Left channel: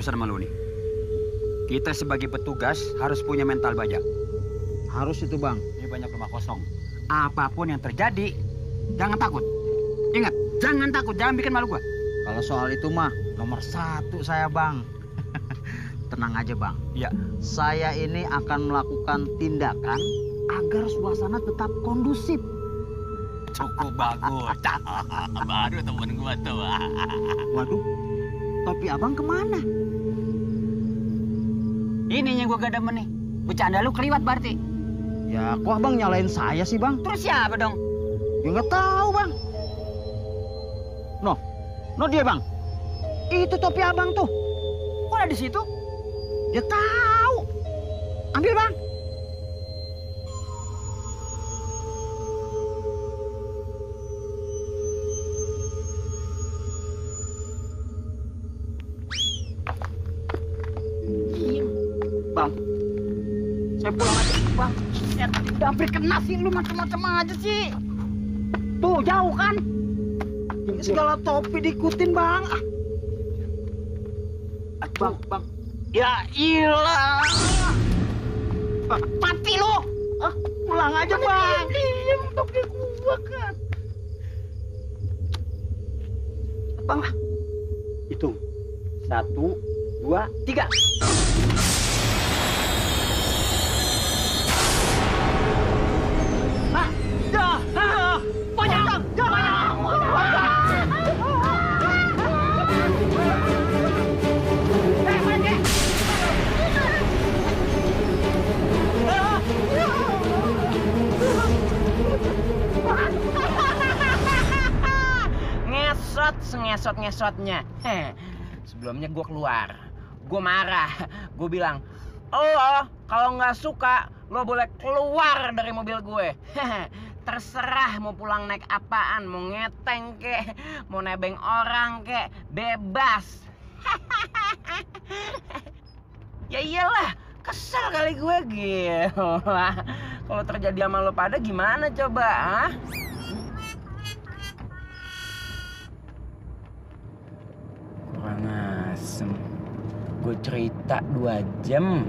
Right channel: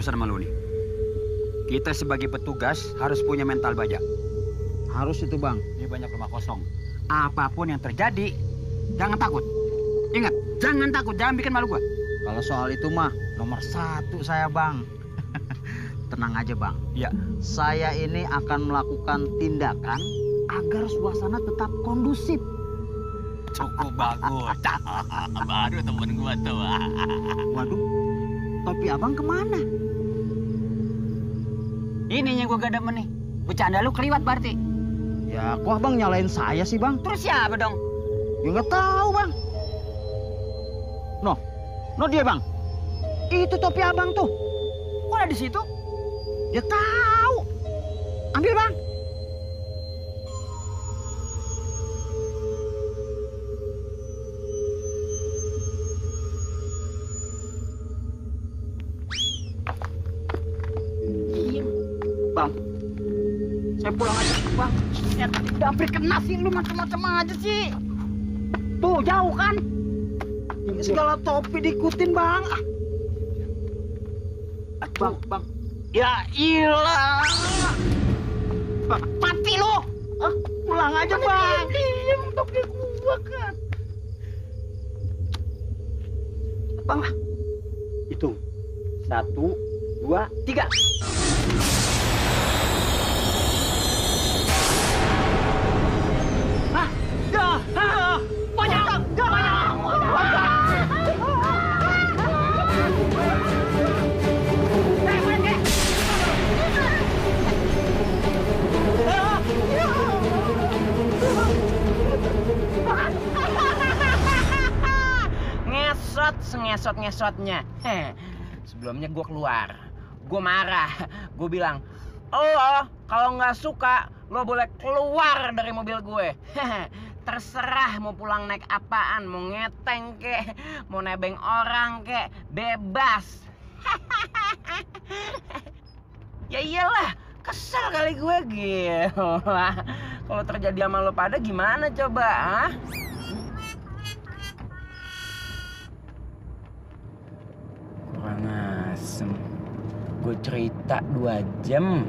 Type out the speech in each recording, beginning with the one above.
pesan sama lu nih. Kita sebagai petugas harus punya mental baja. Harus itu, Bang. Ini banyak rumah kosong. Apapun yang terjadi, jangan takut. Ingat, jangan takut, jangan bikin malu gua. Kalau soal itu mah nomor 1 saya, Bang. Tenang aja, Bang. Iya. Saya ini akan melakukan tindakan agar suasana tetap kondusif. Cukup bagus. Baru temen gua tuh. Waduh, topi abang kemana? Ini yang gua gak demen nih. Bercanda lu keliwat berarti. Ya, kok abang nyalain saya sih, Bang? Terus siapa dong? Ya nggak tahu, Bang. No dia, Bang. Itu topi abang tuh. Kok ada di situ? Ya tahu. Ambil, Bang. Bang, saya pulang aja. Bang, ya tadi udah hampir kena sih. Lu macam-macam aja sih. Tuh, jauh kan? Ini segala topi diikutin, Bang. Bang. Ya ilah. Bang, mati lu. Pulang aja, Bang. Diam, topi gua kan. Bang, hitung. 1, 2, 3. Ngesot-ngesotnya. Sebelumnya gue keluar. Gue marah. Gue bilang, lo kalau nggak suka, lo boleh keluar dari mobil gue. Terserah mau pulang naik apaan. Mau ngeteng kek, mau nebeng orang kek, bebas. Ya iyalah, kesel kali gue. Gila. Kalau terjadi sama lo pada gimana coba, ah? Kurang asem. Gue cerita 2 jam,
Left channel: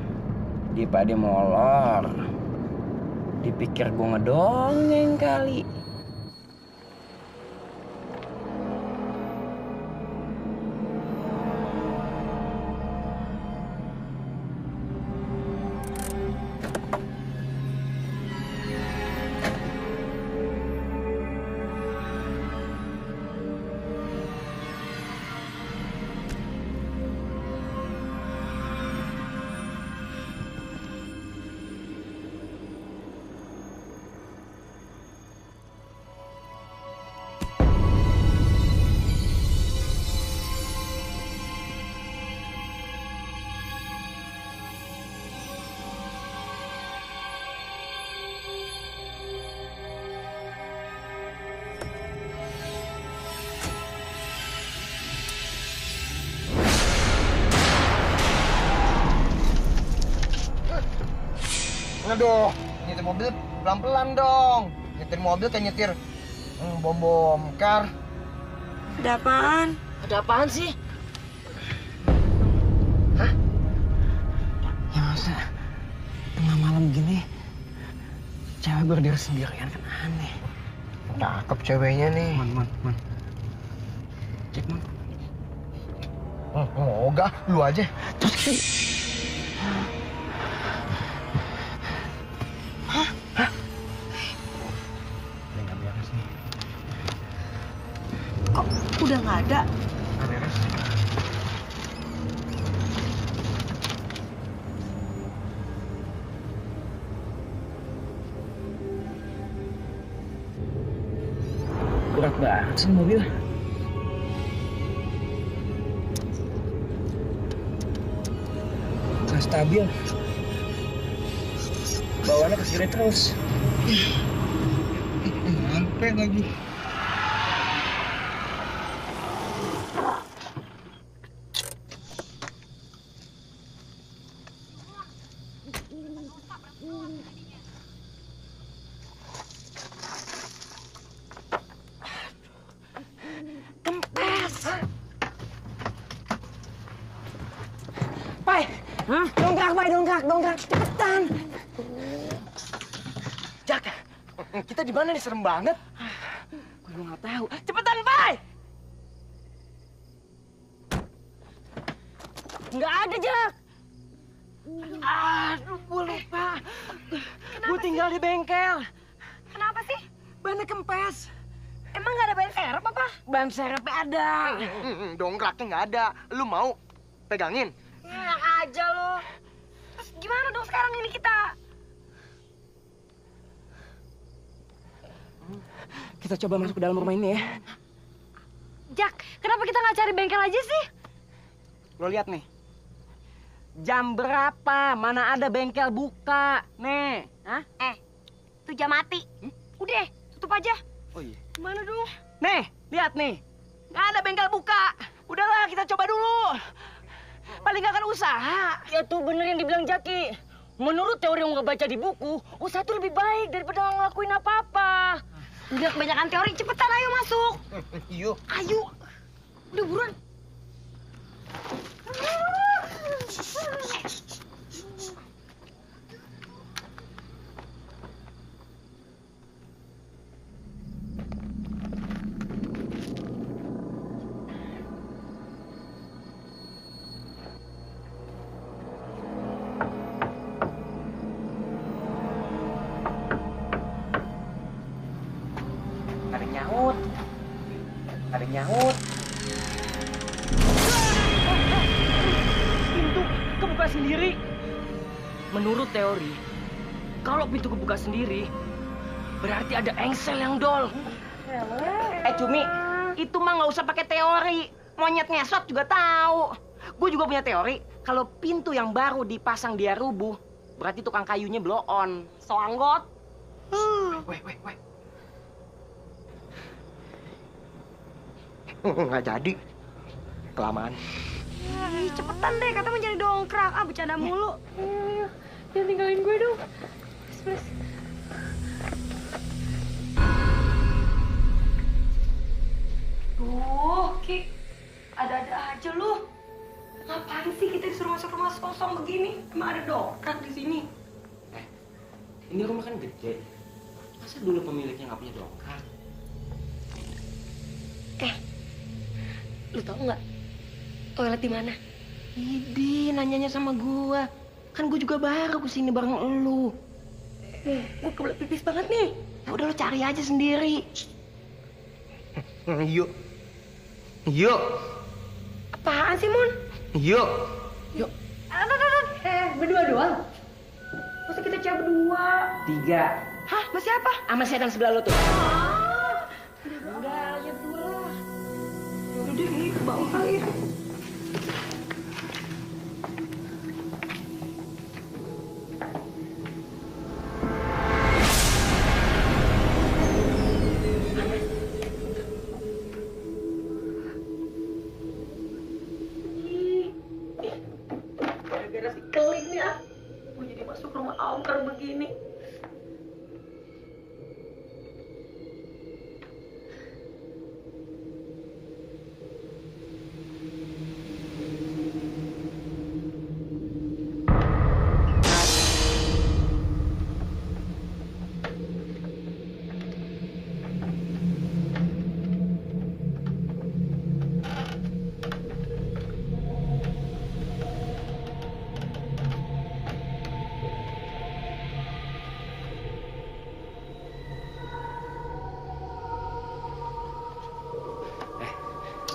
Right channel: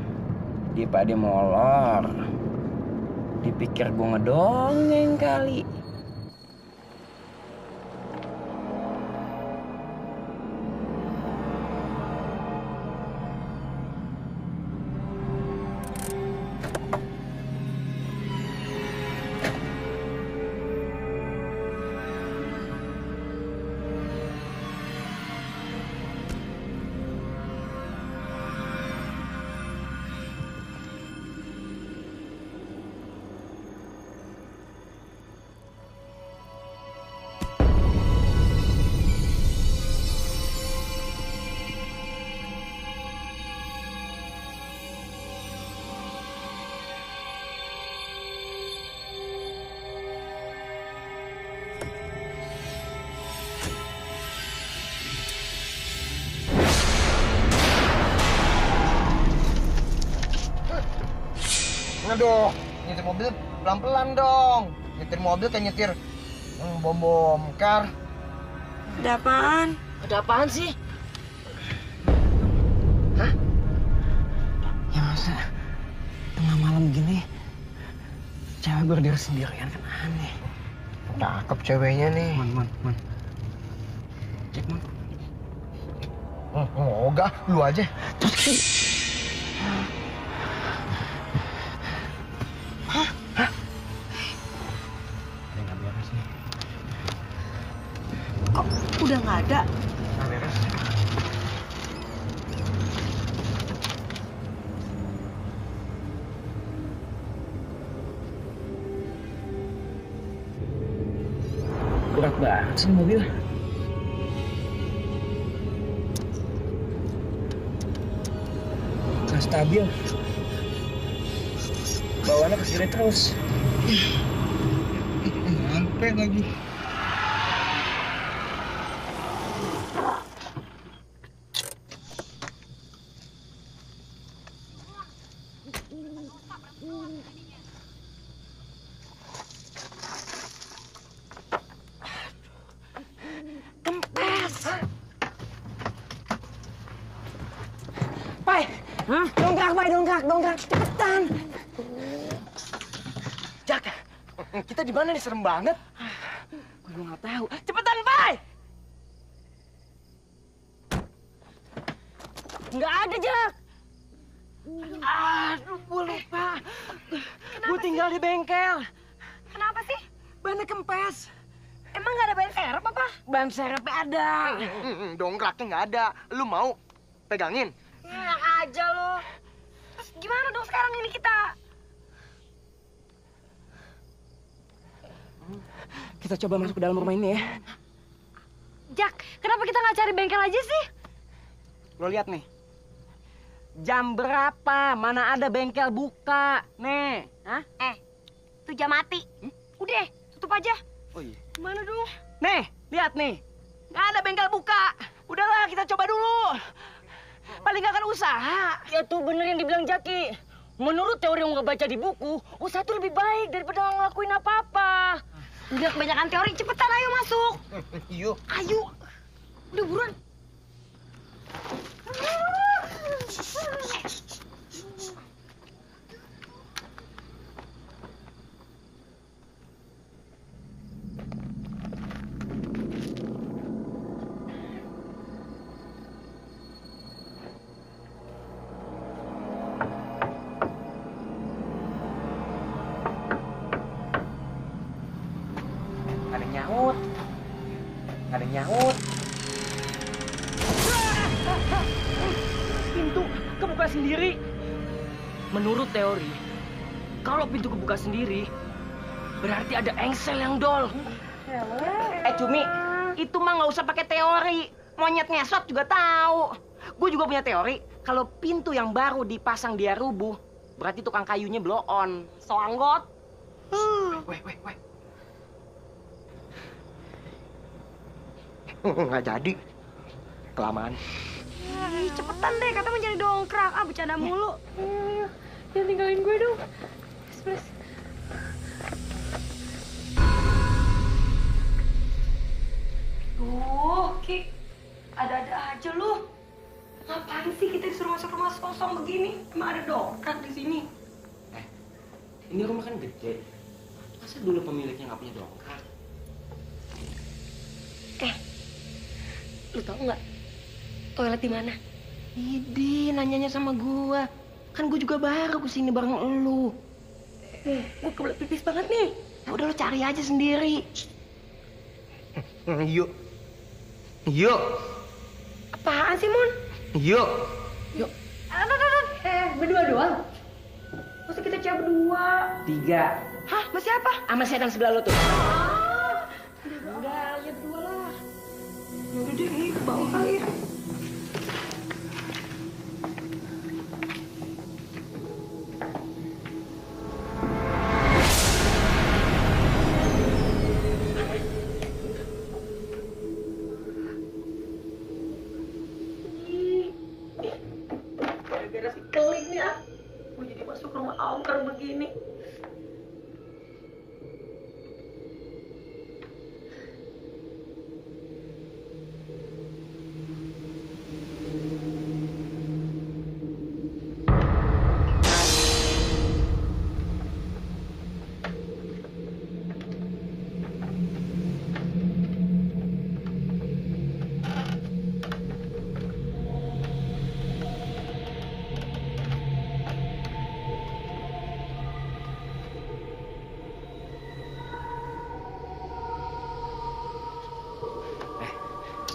dia pada molor. Dipikir gue ngedongeng kali. Aduh, nyetir mobil pelan-pelan dong. Nyetir mobil kayak nyetir bom kar. Ada apaan? Ada apaan sih? Hah? Ya masa tengah malam gini cewek berdiri sendirian kan aneh. Cakep ceweknya nih. Man. Cek, Man. Moga, lu aja. Ada nggak beres nih? Kok udah nggak ada? Nggak beres. Berat banget sih mobil. Nggak stabil. Bawaannya ke kiri terus. Sampai lagi. Bay, dongkrak, cepetan. Jak, kita di mana nih? Serem banget. Gue nggak tahu. Cepetan, Bay. Nggak ada, Jak. Aduh, gue lupa. Gue tinggal di bengkel. Kenapa sih? Bannya kempes. Emang nggak ada ban serep apa? Ban serepnya ada. Dongkraknya nggak ada. Lu mau pegangin? Enak aja lo. Terus gimana dong sekarang ini kita? Kita coba masuk ke dalam rumah ini ya. Jak, kenapa kita nggak cari bengkel aja sih? Lo lihat nih. Jam berapa? Mana ada bengkel buka? Nih, hah? Tuh jam mati. Udah, tutup aja. Oh iya. Gimana dong? Nih, lihat nih. Nggak ada bengkel buka. Udahlah, kita coba dulu. Paling nggak akan usaha. Ya tuh bener yang dibilang Jaki. Menurut teori yang nggak baca di buku, usaha itu lebih baik daripada ngelakuin apa-apa. Udah kebanyakan teori, cepetan ayo masuk. Yuk. Ayo. Udah buruan. Nggak ada yang nyaut. Nggak ada yang nyaut. Pintu kebuka sendiri. Menurut teori, kalau pintu kebuka sendiri, berarti ada engsel yang dol. Cumi, itu mah nggak usah pakai teori. Monyet ngesot juga tahu. Gue juga punya teori. Kalau pintu yang baru dipasang dia rubuh, berarti tukang kayunya blow on. So anggot. Weh. Nggak jadi. Kelamaan. Ih, cepetan deh, kata mau jadi dongkrak. Ah, bercanda mulu. Jangan tinggalin gue dong. Please. Duh, Ki. Ada-ada aja lu. Ngapain sih kita disuruh masuk rumah kosong begini? Emang ada dongkrak di sini? Ini rumah kan gede. Masa dulu pemiliknya nggak punya dongkrak? Lu tau nggak toilet di mana? Idi, nanyanya sama gua. Kan gua juga baru kesini bareng elu. Gue kebelet pipis banget nih. Ya udah lu cari aja sendiri. Yuk. Apaan sih, Mon? Yuk. Berdua doang? Masa kita cewek berdua? 3. Hah? Masih apa? Sama setan sebelah lo tuh. Udah, ya berdua lah. Yaudah deh, ini ke bawah kali ya. Gara-gara si keling nih ah. Gue jadi masuk rumah angker begini.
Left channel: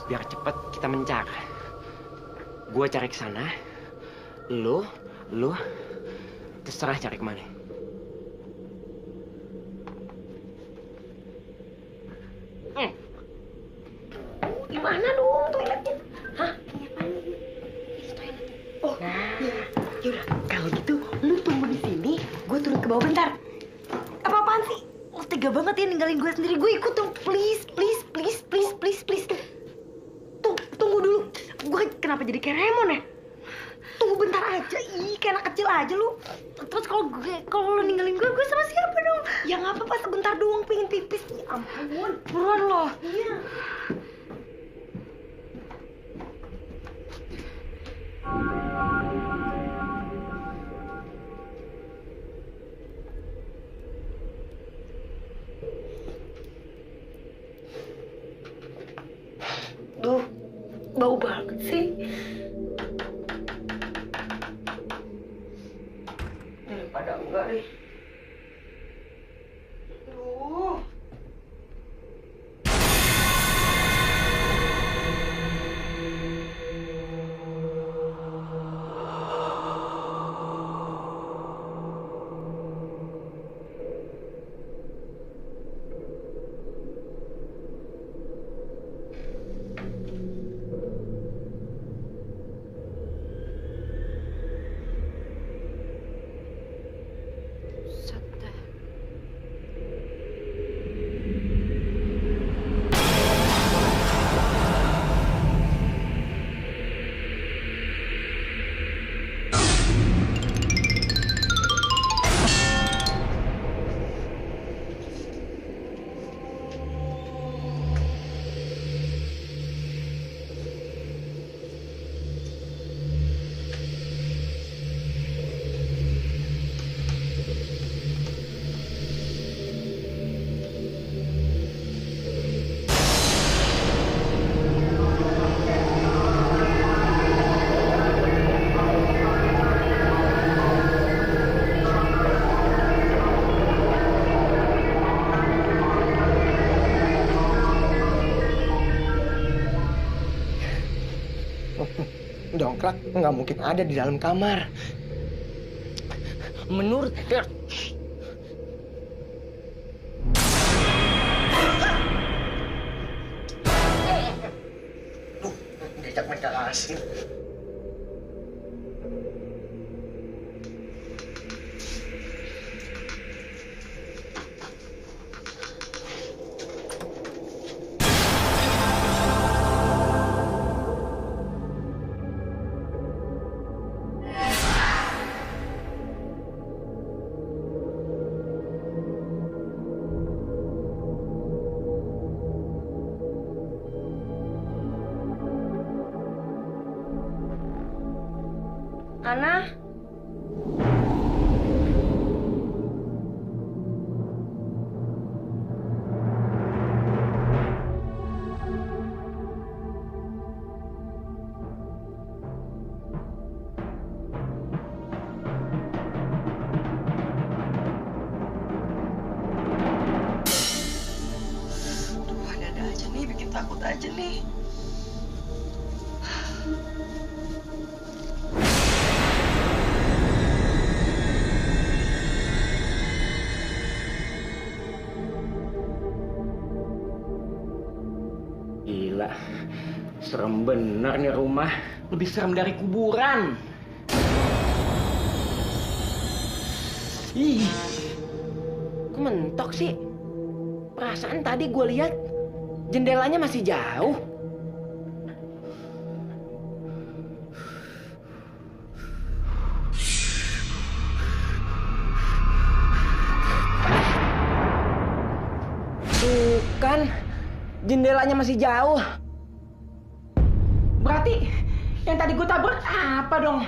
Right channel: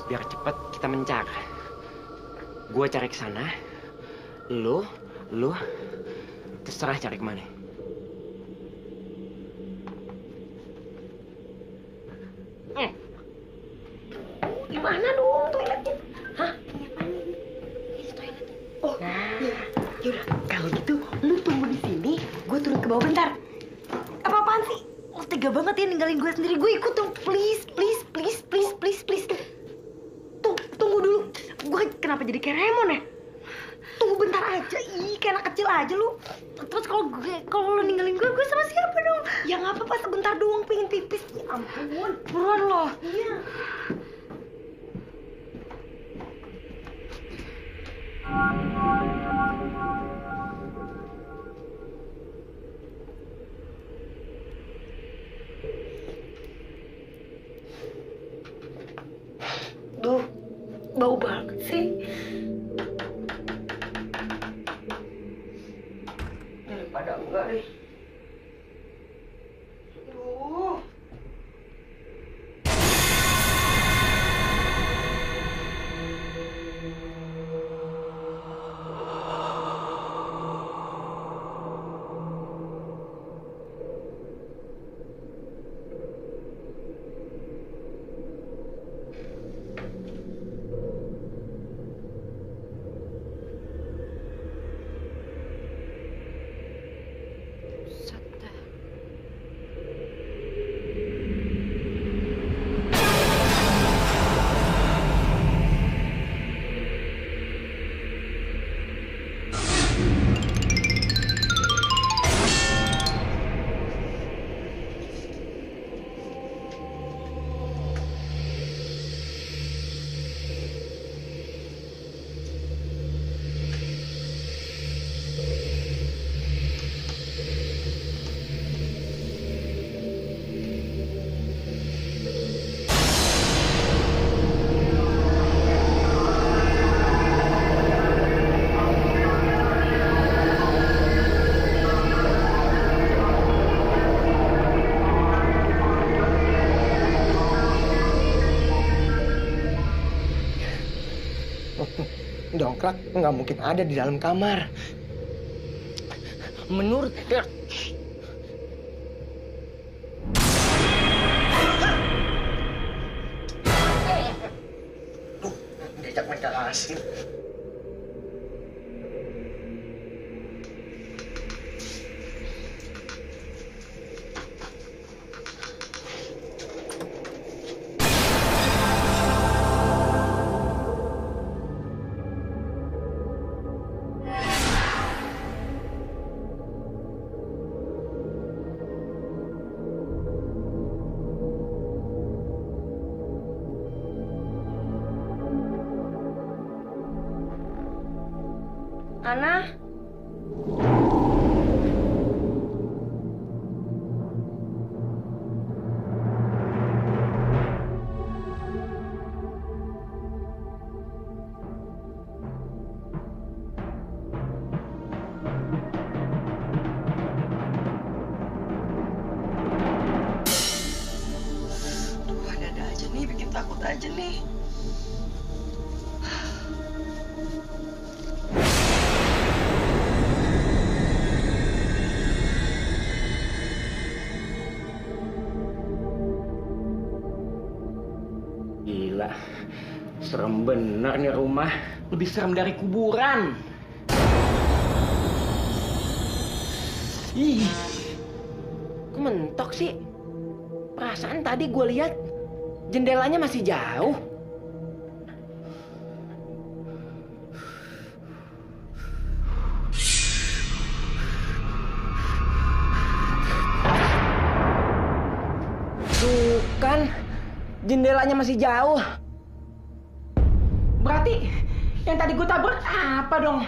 Biar cepet kita mencar. Gua cari ke sana. Lu terserah cari kemana. Gimana dong toiletnya? Hah? Ini apaan ini? Ini toiletnya. Oh, iya. Yaudah, kalau gitu lu tunggu di sini, gue turun ke bawah bentar. Apa-apaan sih? Lo tega banget ya ninggalin gue sendiri. Gue ikut dong, please. Tunggu dulu. Gue kenapa jadi kayak Raymond ya? Tunggu bentar aja. Ih, kayak anak kecil aja lu. Terus kalau lu ninggalin gue sama siapa dong? Ya nggak apa-apa, sebentar doang pengen pipis. Ya ampun, buruan loh. Iya. Bau banget sih. Daripada enggak deh. Aduh. Dongkrak nggak mungkin ada di dalam kamar. Menurut Diajak mereka asing. Ana? Aduh, ada aja nih, bikin takut aja nih. Gila, serem bener nih rumah. Lebih serem dari kuburan. Ih, kok mentok sih? Perasaan tadi gue lihat jendelanya masih jauh. Tuh kan, jendelanya masih jauh. Berarti yang tadi gue tabrak apa dong?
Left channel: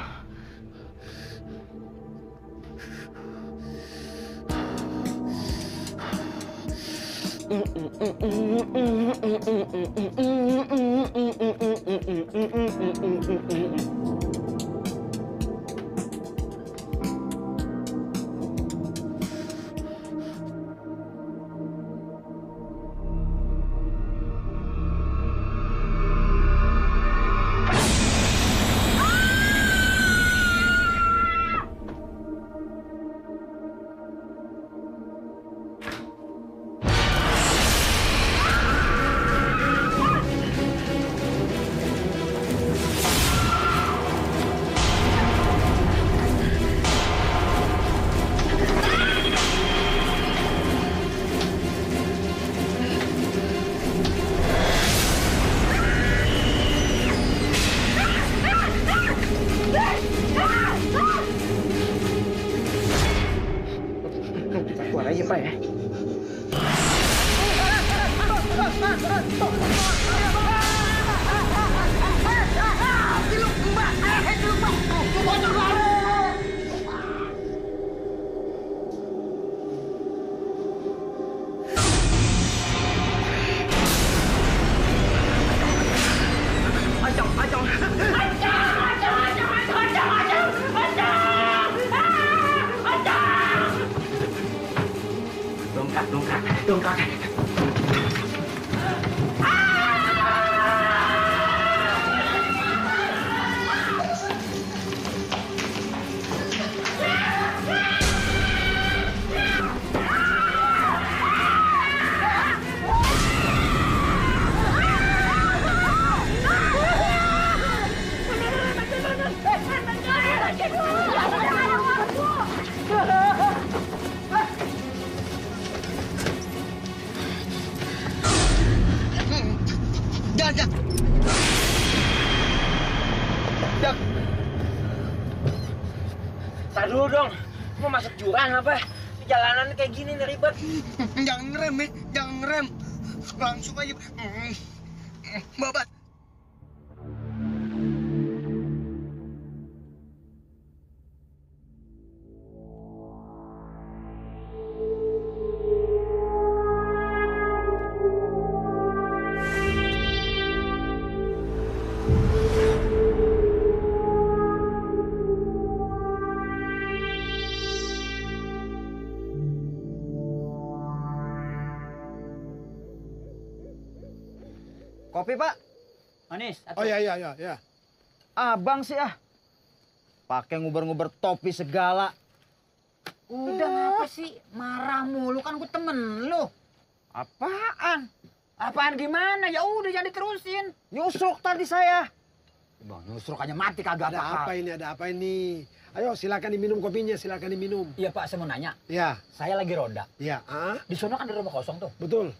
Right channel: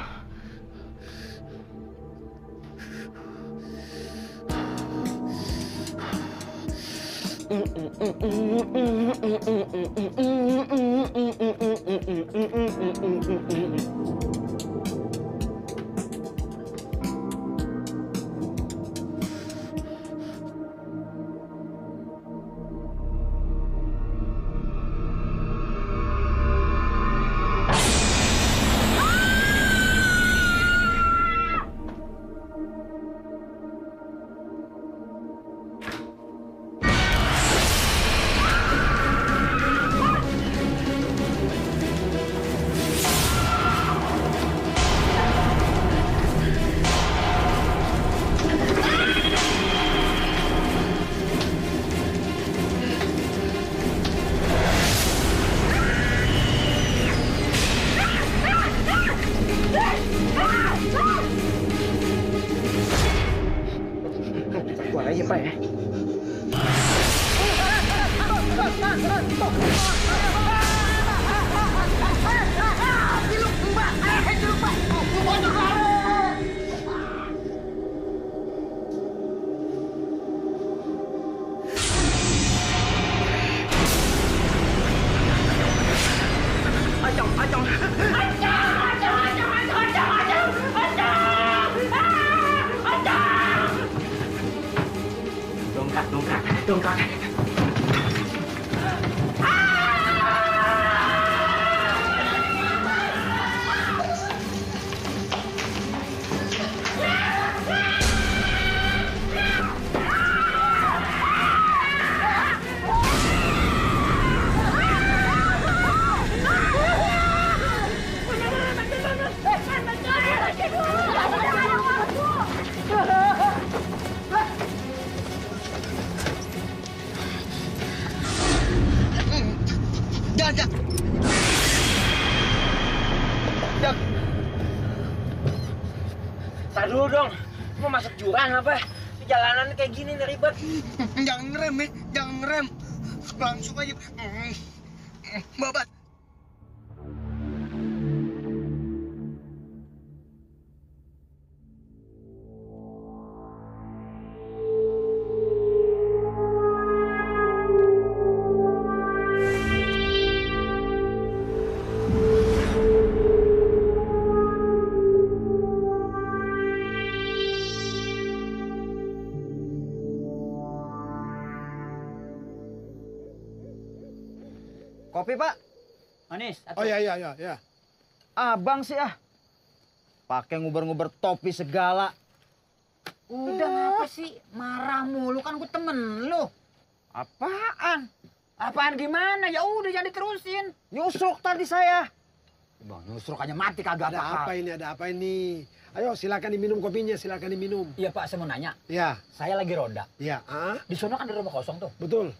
Kita keluar aja, Pak ya. Dongkrak. Jak. Tar dulu dong. Mau masuk jurang apa? Jalanan kayak gini nih ribet. Jangan ngerem ya, jangan ngerem. Langsung aja. Babat. Kopi, Pak. Manis. Oh ya. Abang sih ah. Pakai nguber-nguber topi segala. Udah ngapa sih? Marah mulu kan gue temen lu. Apaan? Apaan gimana? Ya udah jangan diterusin. Nyusruk tadi saya. Bang, nyusruk aja mati kagak Ada apa ini? Ayo silakan diminum kopinya, silakan diminum. Iya Pak, saya mau nanya. Ya, Saya lagi roda. ya. Di sana kan ada rumah kosong tuh. Betul.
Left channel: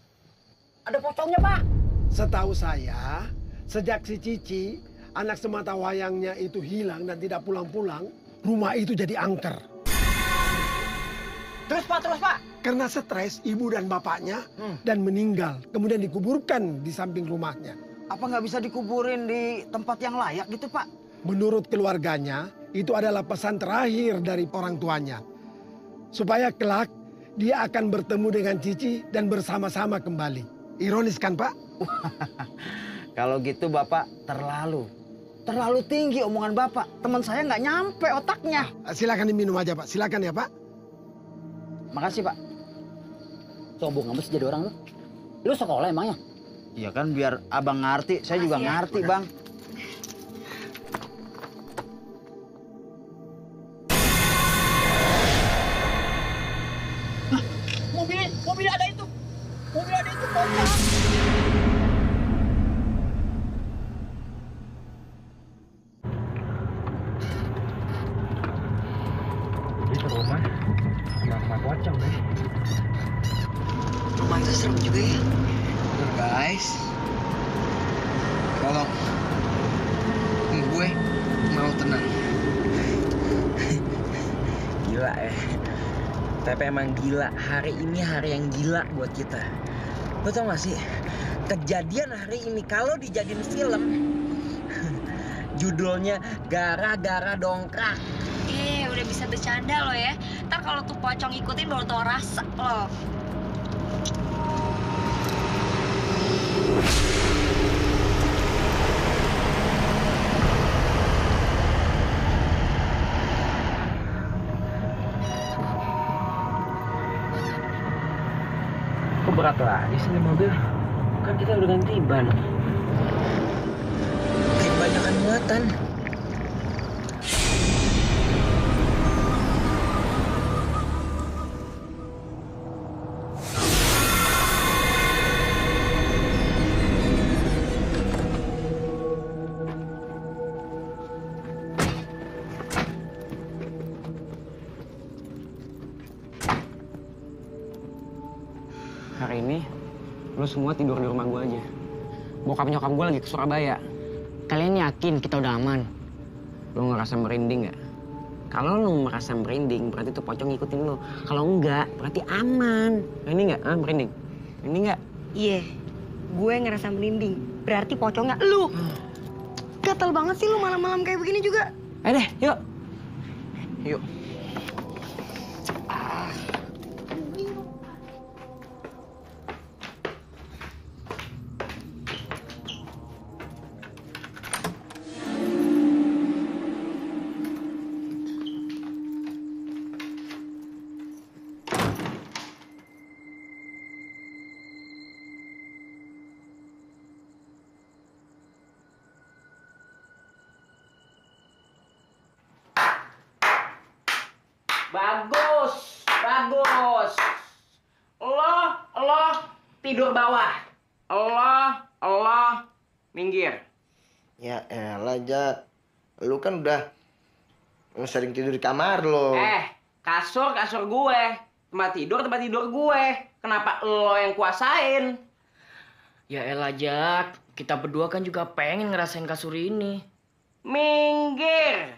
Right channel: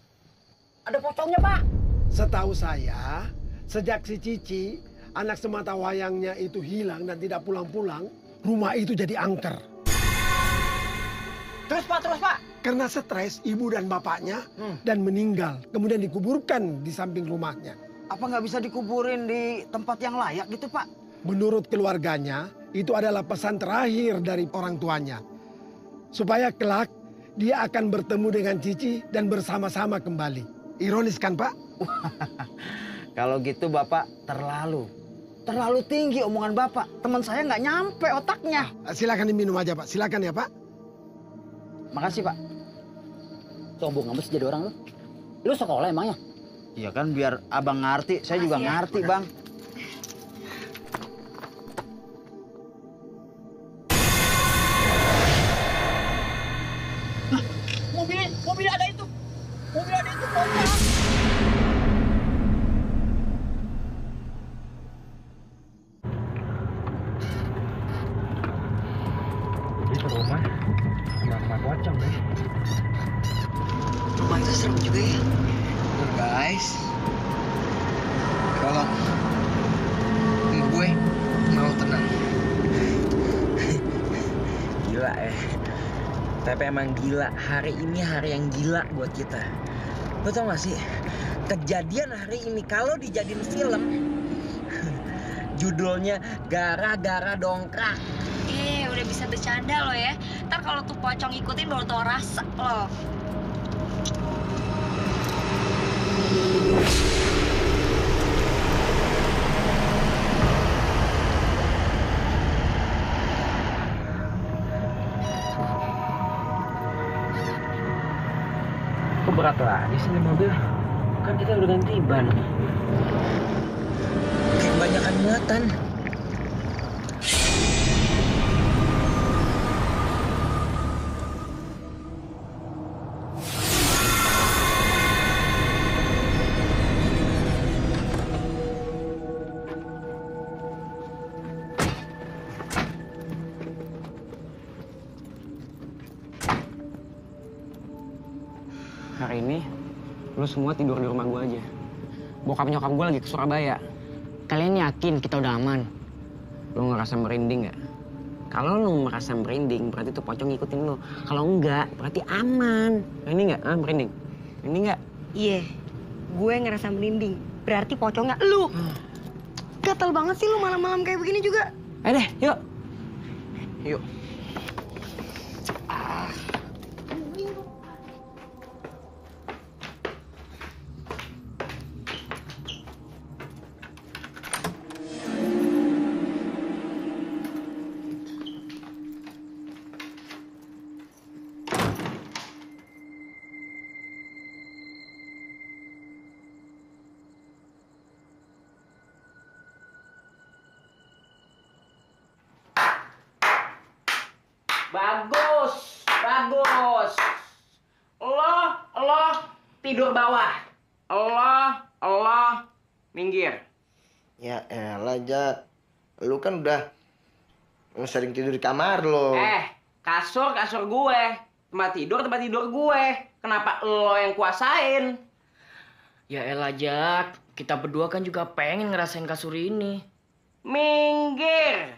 Ada pocongnya Pak. Setahu saya, sejak si Cici, anak semata wayangnya itu hilang dan tidak pulang-pulang, rumah itu jadi angker. Terus Pak. Karena stres ibu dan bapaknya dan meninggal, kemudian dikuburkan di samping rumahnya. Apa nggak bisa dikuburin di tempat yang layak gitu, Pak? Menurut keluarganya, itu adalah pesan terakhir dari orang tuanya. Supaya kelak dia akan bertemu dengan Cici dan bersama-sama kembali. Ironis kan, Pak? Kalau gitu Bapak terlalu tinggi omongan Bapak. Teman saya nggak nyampe otaknya. Silakan diminum aja, Pak. Silakan ya, Pak. Makasih, Pak. Sombong amat sih jadi orang lu. Lu sekolah emangnya? Iya kan biar abang ngerti, saya juga ngerti, Bang. Mobil ada itu. Mobil ada itu pocong. Itu rumah pocong deh. Rumah itu serem juga ya. Guys, tolong. Gue mau tenang. Gila ya. Tapi emang gila, hari ini hari yang gila buat kita. Lo tau gak sih, kejadian hari ini kalau dijadiin film, judulnya Gara-gara Dongkrak. Udah bisa bercanda lo ya. Ntar kalau tuh pocong ikutin baru tau rasa lo. Kok berat lagi sih ini mobil? Kan kita udah ganti ban. Kayak kebanyakan muatan. Hari ini, lu semua tidur di rumah gue aja. Bokap nyokap gue lagi ke Surabaya. Kalian yakin kita udah aman? Lu ngerasa merinding nggak? Kalau lu merasa merinding, berarti tuh pocong ngikutin lu. Kalau enggak, berarti aman. Ini nggak? Merinding? Ini nggak? Iya, gue ngerasa merinding. Berarti pocongnya lu. Gatel banget sih lu malam-malam kayak begini juga. Ayo deh, yuk. Yuk. Bagus. Lo tidur bawah. Lo minggir. Ya elah, Jak. Lu kan udah sering tidur di kamar lo. Kasur gue. Tempat tidur gue. Kenapa lo yang kuasain? Ya elah, Jak. Kita berdua kan juga pengen ngerasain kasur ini. Minggir.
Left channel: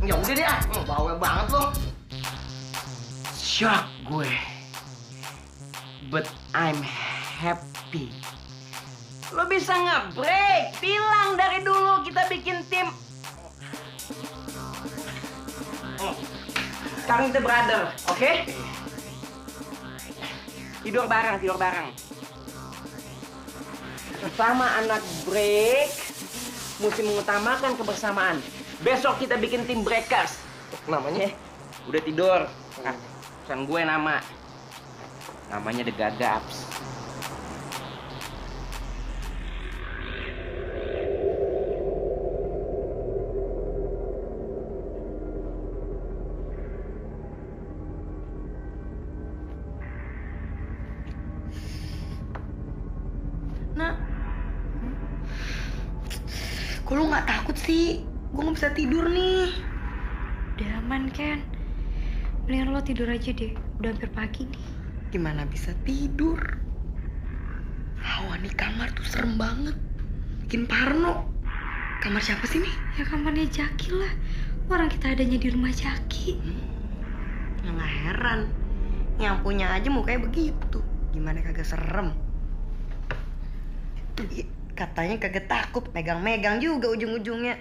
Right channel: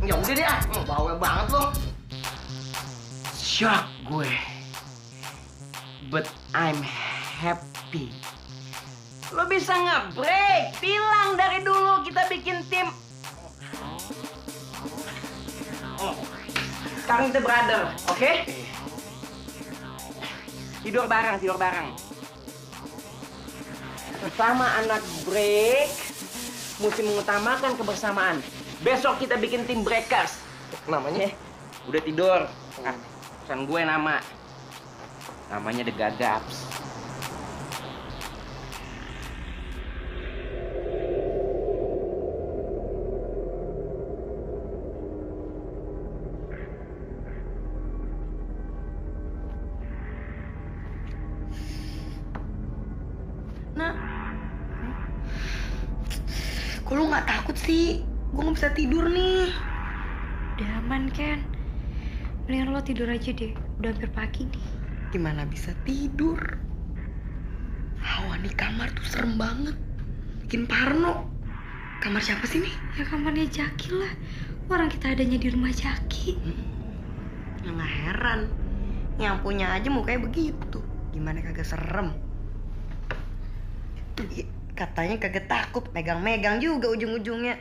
Ya udah deh, bawel banget lo. Shock gue. But I'm happy. Lo bisa nge-break. Bilang dari dulu kita bikin tim. Sekarang kita brother, oke? Tidur bareng. Bersama anak break, mesti mengutamakan kebersamaan. Besok kita bikin tim breakers. Namanya? Udah tidur. Pesan gue namanya The Gagaps. Nak, kok lu nggak takut sih? Gue nggak bisa tidur nih. Udah aman, Ken. Mendingan lo tidur aja deh. Udah hampir pagi nih. Gimana bisa tidur? Hawa nih kamar tuh serem banget. Bikin parno. Kamar siapa sih nih? Ya kamarnya Jaki lah. Orang kita adanya di rumah Jaki. Ya nggak heran. Yang punya aja mukanya begitu. Gimana kagak serem? Katanya kagak takut. Megang-megang juga ujung-ujungnya.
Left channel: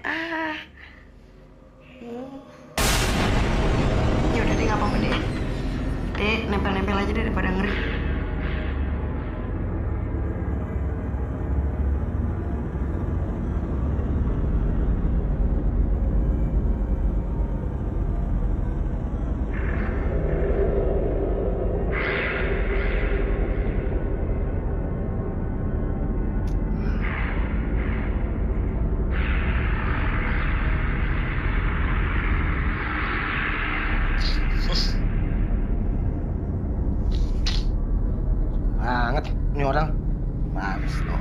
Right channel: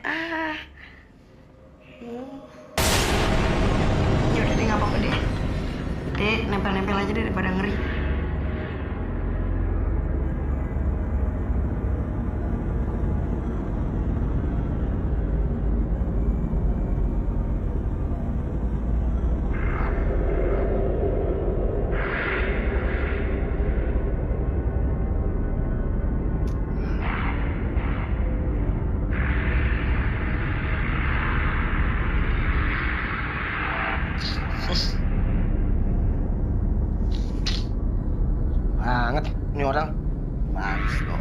Ini udah deh, nggak apa-apa deh. Kita nempel-nempel aja deh daripada ngeri. Banget ini orang. Males loh.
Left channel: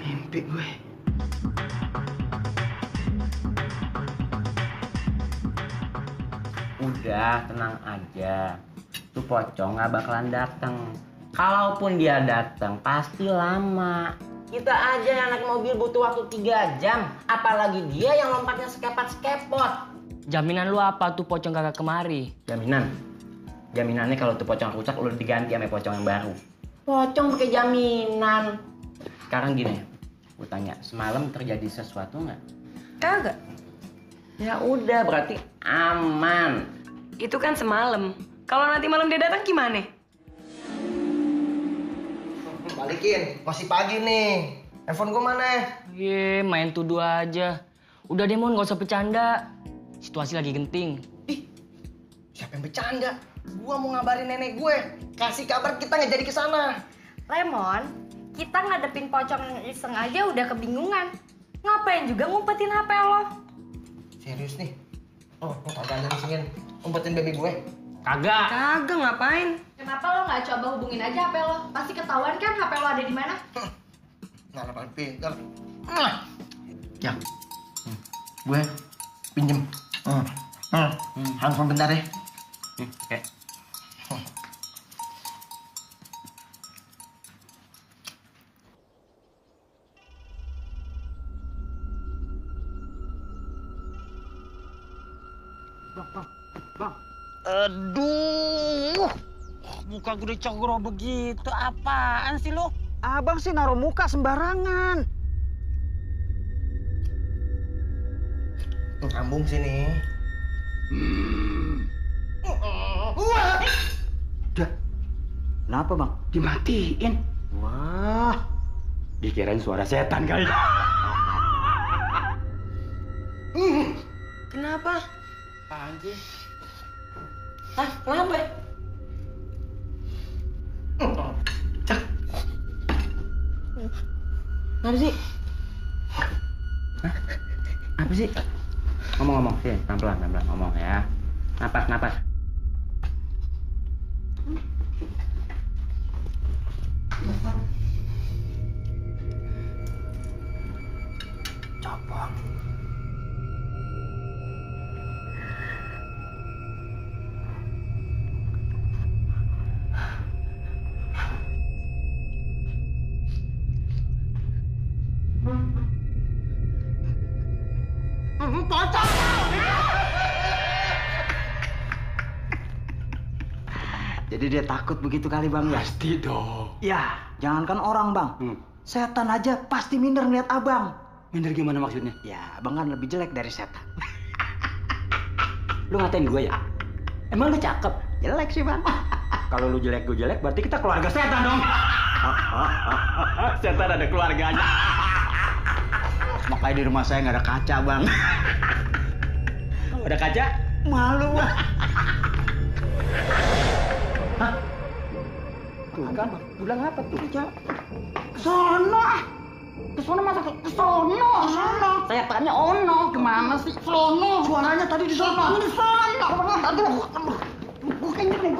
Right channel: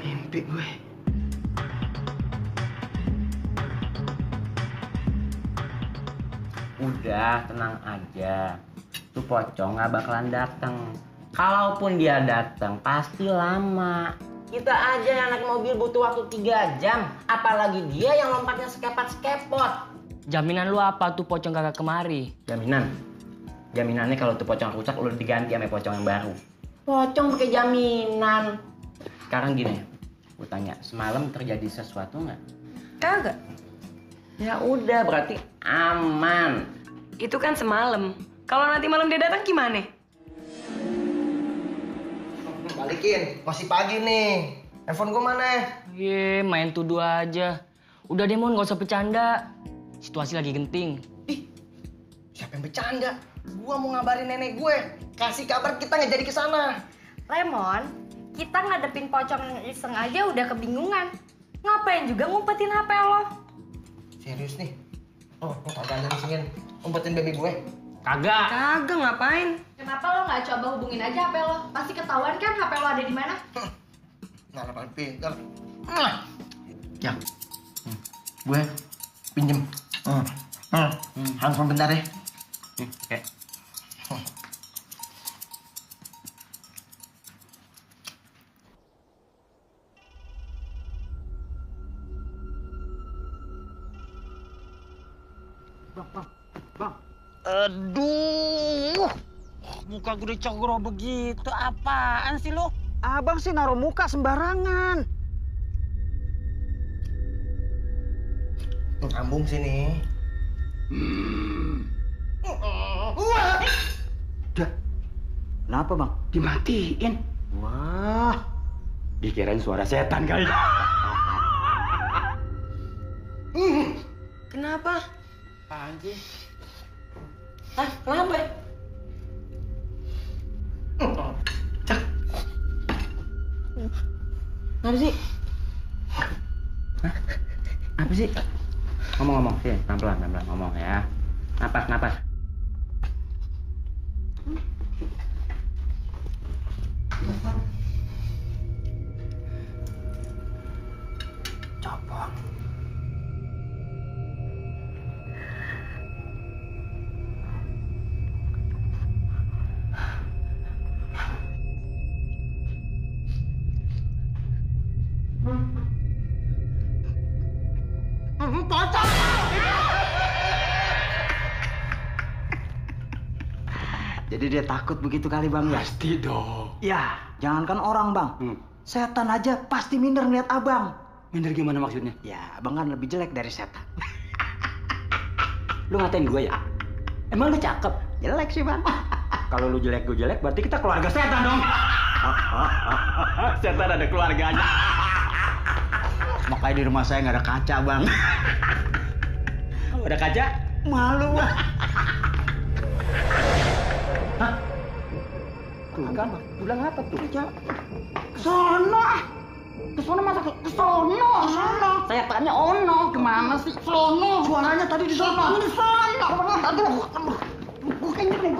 Mimpi gue. Udah, tenang aja. Tuh pocong nggak bakalan datang. Kalaupun dia datang, pasti lama. Kita aja yang naik mobil butuh waktu 3 jam. Apalagi dia yang lompatnya sekepot-sekepot. Jaminan lu apa tuh pocong kagak kemari? Jaminannya kalau tuh pocong rusak, lu diganti sama pocong yang baru. Pocong pakai jaminan. Sekarang gini, gue tanya, semalam terjadi sesuatu nggak? Kagak. Ya udah, berarti aman. Itu kan semalam. Kalau nanti malam dia datang gimana? Balikin, masih pagi nih. Handphone gue mana? Ye, main tuduh aja. Udah deh, Mon, gak usah bercanda. Situasi lagi genting. Ih, siapa yang bercanda? Gua mau ngabarin nenek gue. Kasih kabar kita nggak jadi ke sana. Lemon, kita ngadepin pocong yang iseng aja udah kebingungan. Ngapain juga ngumpetin HP lo? Serius nih? Oh, kagak ada disingin umpetin baby gue. Kagak. Kagak, ngapain? Kenapa lo nggak coba hubungin aja HP lo? Pasti ketahuan kan HP lo ada di mana? Nggak paling pinter. Ya, gue pinjem. Handphone bentar ya. Oke. Bang. Aduh, muka gue dicogro begitu. Apaan sih lo? Abang sih naruh muka sembarangan. Ambung sini. Dah. Kenapa, Bang? Dimatiin. Wah, Dikirain suara setan kali. Kenapa? Apaan sih? Hah? Kenapa? Kenapa sih? Apa sih? Ngomong, sini, pelan-pelan ngomong ya. Napas. Copong. Jadi dia takut begitu kali bang ya? Pasti dong. Ya, jangankan orang bang. Setan aja pasti minder ngeliat abang. Minder gimana maksudnya? Ya, abang kan lebih jelek dari setan. Lu ngatain gue ya? Emang lu cakep? Jelek sih bang. Kalau lu jelek, gue jelek, berarti kita keluarga setan dong. Setan ada keluarganya. Makanya di rumah saya nggak ada kaca bang. Kalau ada kaca? Malu bang. Tuh kan, bilang apa tuh? Kesono masa kesono. Setannya ono. Gimana sih? Sono. Suaranya tadi di sono. Di sono. Aduh. Gue kenyek nih.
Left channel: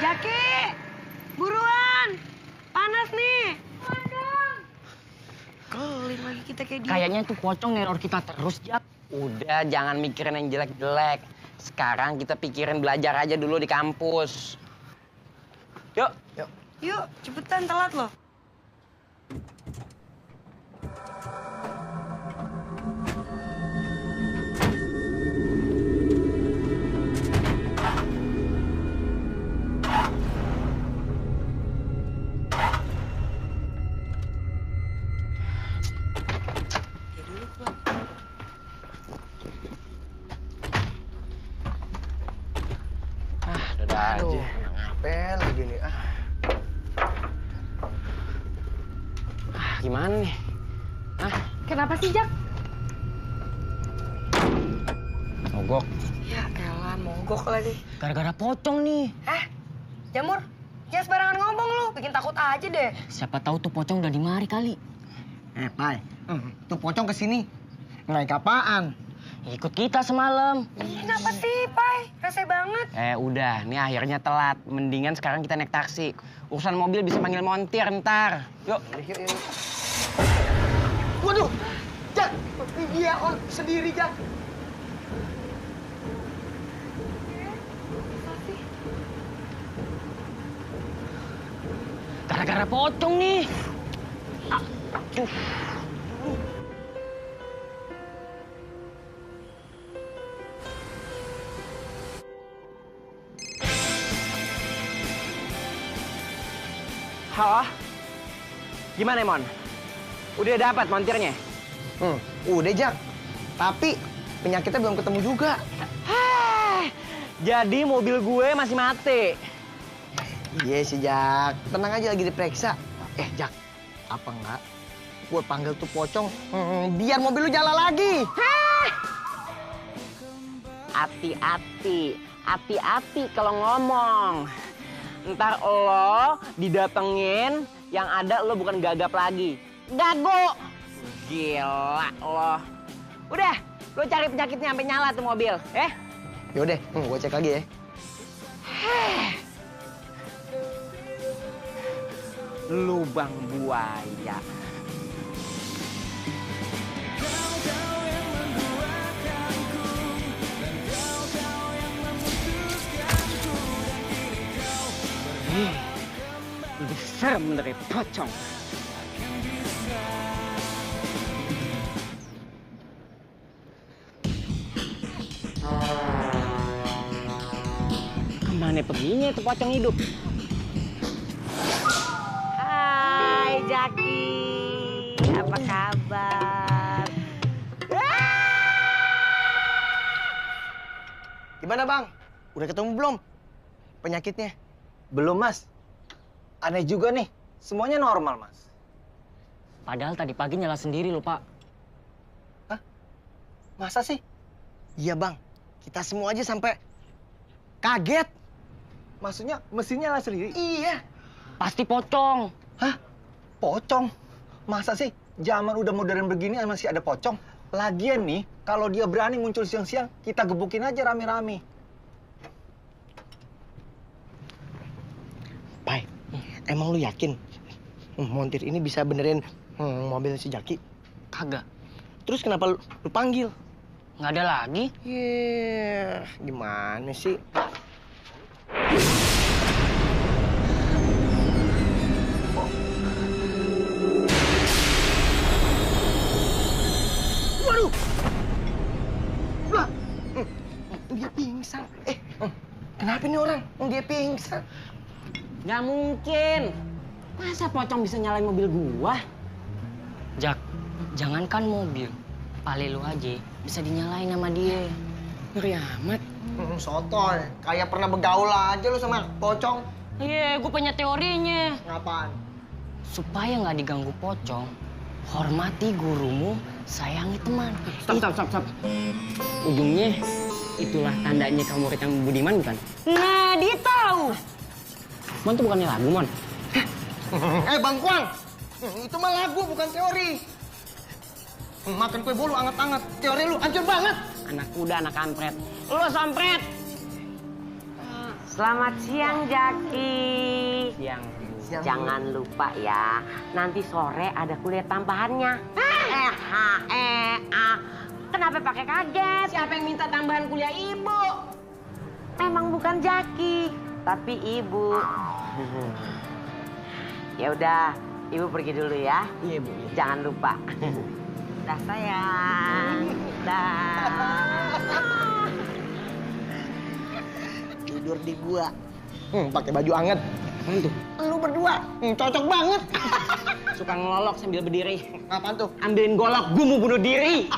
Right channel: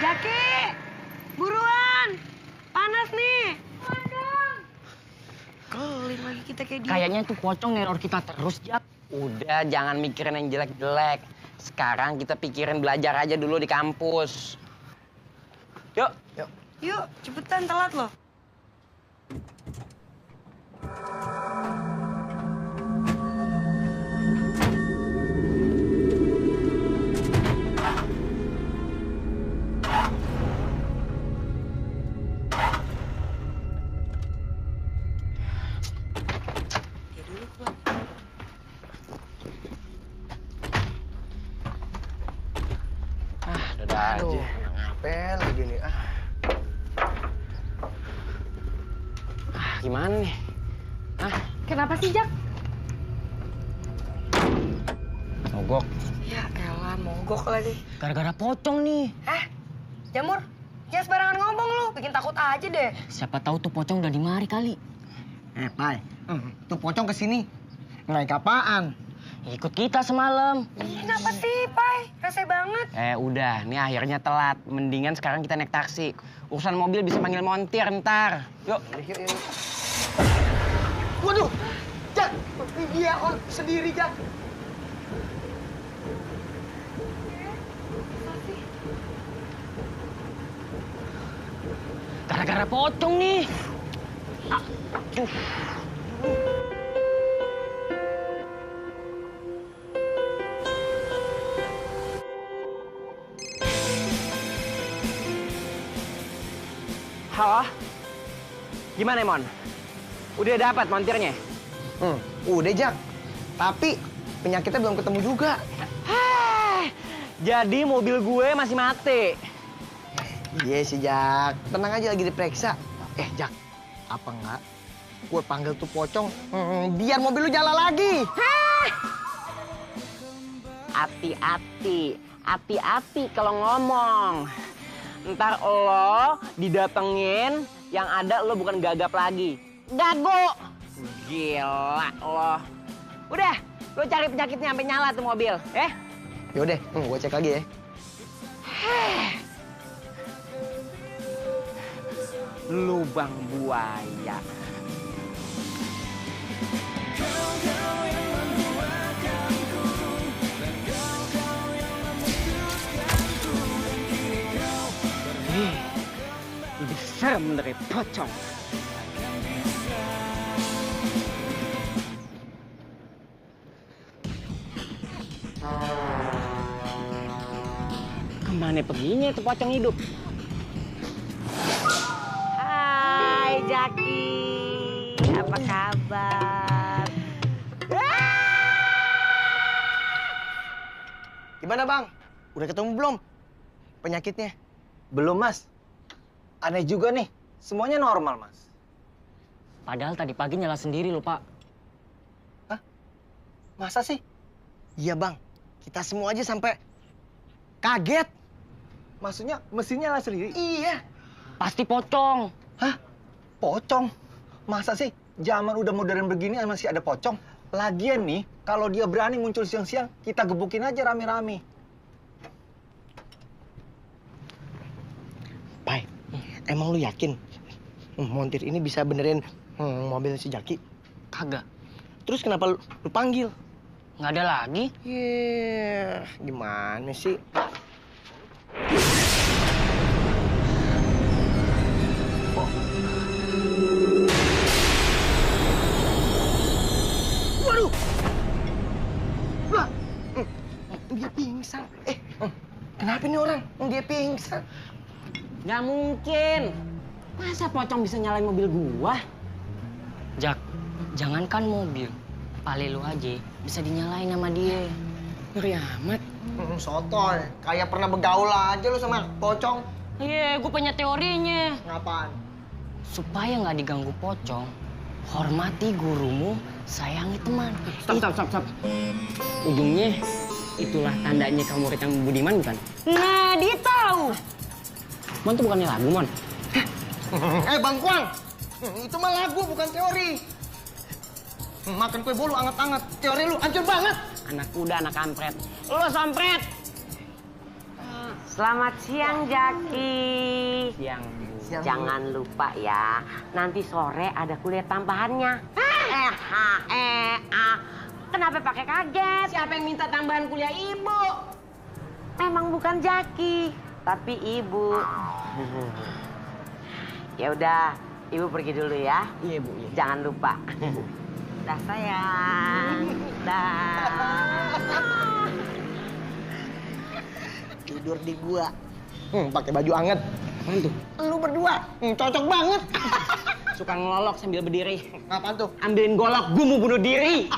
Jaki! Buruan! Panas nih! Kelin lagi kita kayak dia. Kayaknya tuh pocong neror kita terus, Jak. Udah, jangan mikirin yang jelek-jelek. Sekarang kita pikirin belajar aja dulu di kampus. Yuk. Yuk, cepetan telat loh. Udah aja. Ngapel lagi nih. Gimana nih? Kenapa sih, Jak? Mogok. Ya elah, mogok lagi. Gara-gara pocong nih. Jamur, jangan sembarangan ngomong lu. Bikin takut aja deh. Siapa tahu tuh pocong udah dimari kali. Pai. Tuh pocong kesini. Naik apaan? Ikut kita semalam. Kenapa sih, Pai? Rese banget. Udah, nih akhirnya telat. Mendingan sekarang kita naik taksi. Urusan mobil bisa panggil montir ntar. Yuk. Waduh, Jak. Dia sendiri, Jak. Gara-gara pocong nih. Halo? Gimana, Mon? Udah dapat montirnya? Udah, Jak. Tapi penyakitnya belum ketemu juga. Jadi mobil gue masih mati. Iya sih, Jak. Tenang aja, lagi diperiksa. Jak, apa enggak? Gue panggil tuh pocong, biar mobil lu jalan lagi. Hati-hati kalau ngomong. Ntar lo didatengin, yang ada lo bukan gagap lagi. Gago! Gila lo. Udah, lo cari penyakitnya sampai nyala tuh mobil, Yaudah, gue cek lagi ya. Lubang buaya. Kau yang menduakanku dan kau yang memutuskanku dan kini kau berharap Lebih serem dari pocong. akan bisa. Kemana perginya itu pocong hidup? Hai, Jaki. Apa kabar? Gimana, Bang? Udah ketemu belum penyakitnya? Belum mas. Aneh juga nih. Semuanya normal mas. Padahal tadi pagi nyala sendiri loh, Pak. Masa sih? Iya bang, kita semua aja sampai kaget. Maksudnya mesinnya nyala sendiri? Iya. Pasti pocong. Hah? Pocong? Masa sih zaman udah modern begini masih ada pocong? Lagian nih, kalau dia berani muncul siang-siang, kita gebukin aja rame-rame. Pai, emang lu yakin montir ini bisa benerin mobil si Jaki? Kagak. Terus kenapa lu panggil? Nggak ada lagi. Gimana sih? Waduh! Wah! Dia pingsan. Kenapa nih orang? Dia pingsan. Nggak mungkin. Masa pocong bisa nyalain mobil gua? Jak, jangankan mobil. Pale lu aja bisa dinyalain sama dia. Ngeri amat. Sotoy, kayak pernah begaul aja lu sama pocong. Iya, gua punya teorinya. Ngapain? Supaya nggak diganggu pocong, hormati gurumu, sayangi teman. Stop. Ujungnya, itulah tandanya kamu murid yang budiman, bukan? Nah, dia tahu. Mon tuh bukannya lagu, Mon. Bang Kuang, itu mah lagu bukan teori. Makan kue bolu anget-anget, teori lu hancur banget. Anak kuda, anak kampret. Lu sampret. Selamat siang, Jaki. Siang, Bu. Jangan lupa ya, nanti sore ada kuliah tambahannya. Kenapa pakai kaget? Siapa yang minta tambahan kuliah Ibu? Memang bukan Jaki, tapi Ibu. Ya udah, Ibu pergi dulu ya. Iya, Bu. Iya. Jangan lupa. Dah sayang. Dah. Tidur di gua. Pakai baju anget. Apaan tuh? Lu berdua, cocok banget. Suka ngelolok sambil berdiri. Apaan tuh? Ambilin golok, gua mau bunuh diri.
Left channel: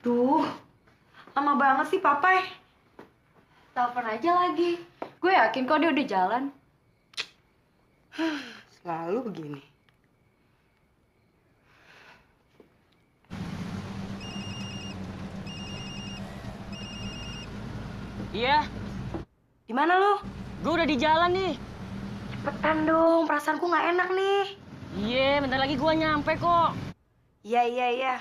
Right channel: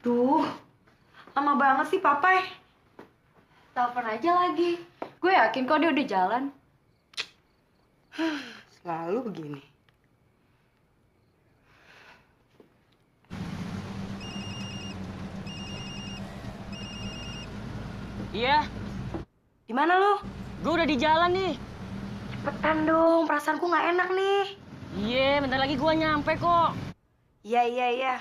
Duh, lama banget sih Papai. Telepon aja lagi. Gue yakin kok dia udah jalan. Selalu begini. Iya. Di mana lu? Gue udah di jalan nih. Cepetan dong, perasaanku nggak enak nih. Iya, bentar lagi gua nyampe kok. Iya.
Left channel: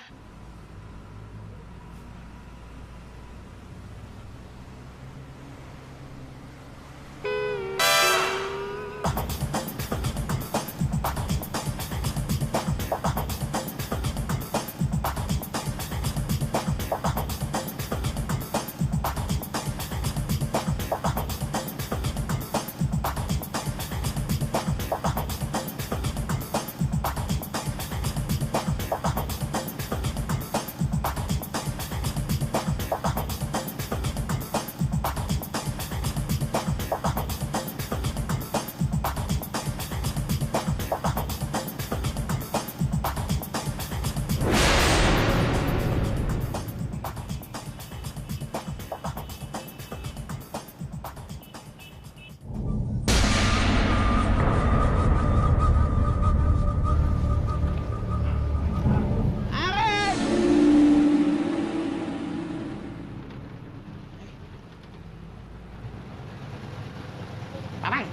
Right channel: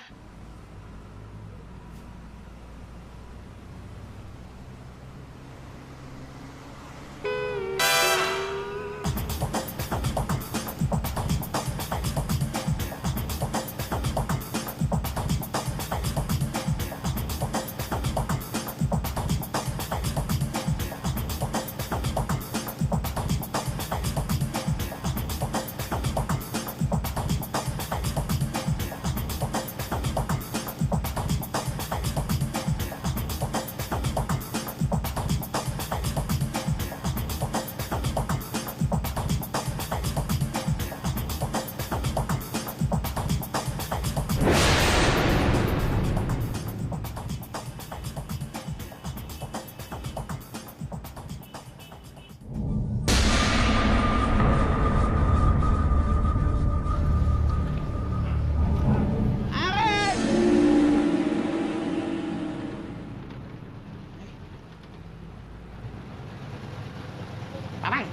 Papai.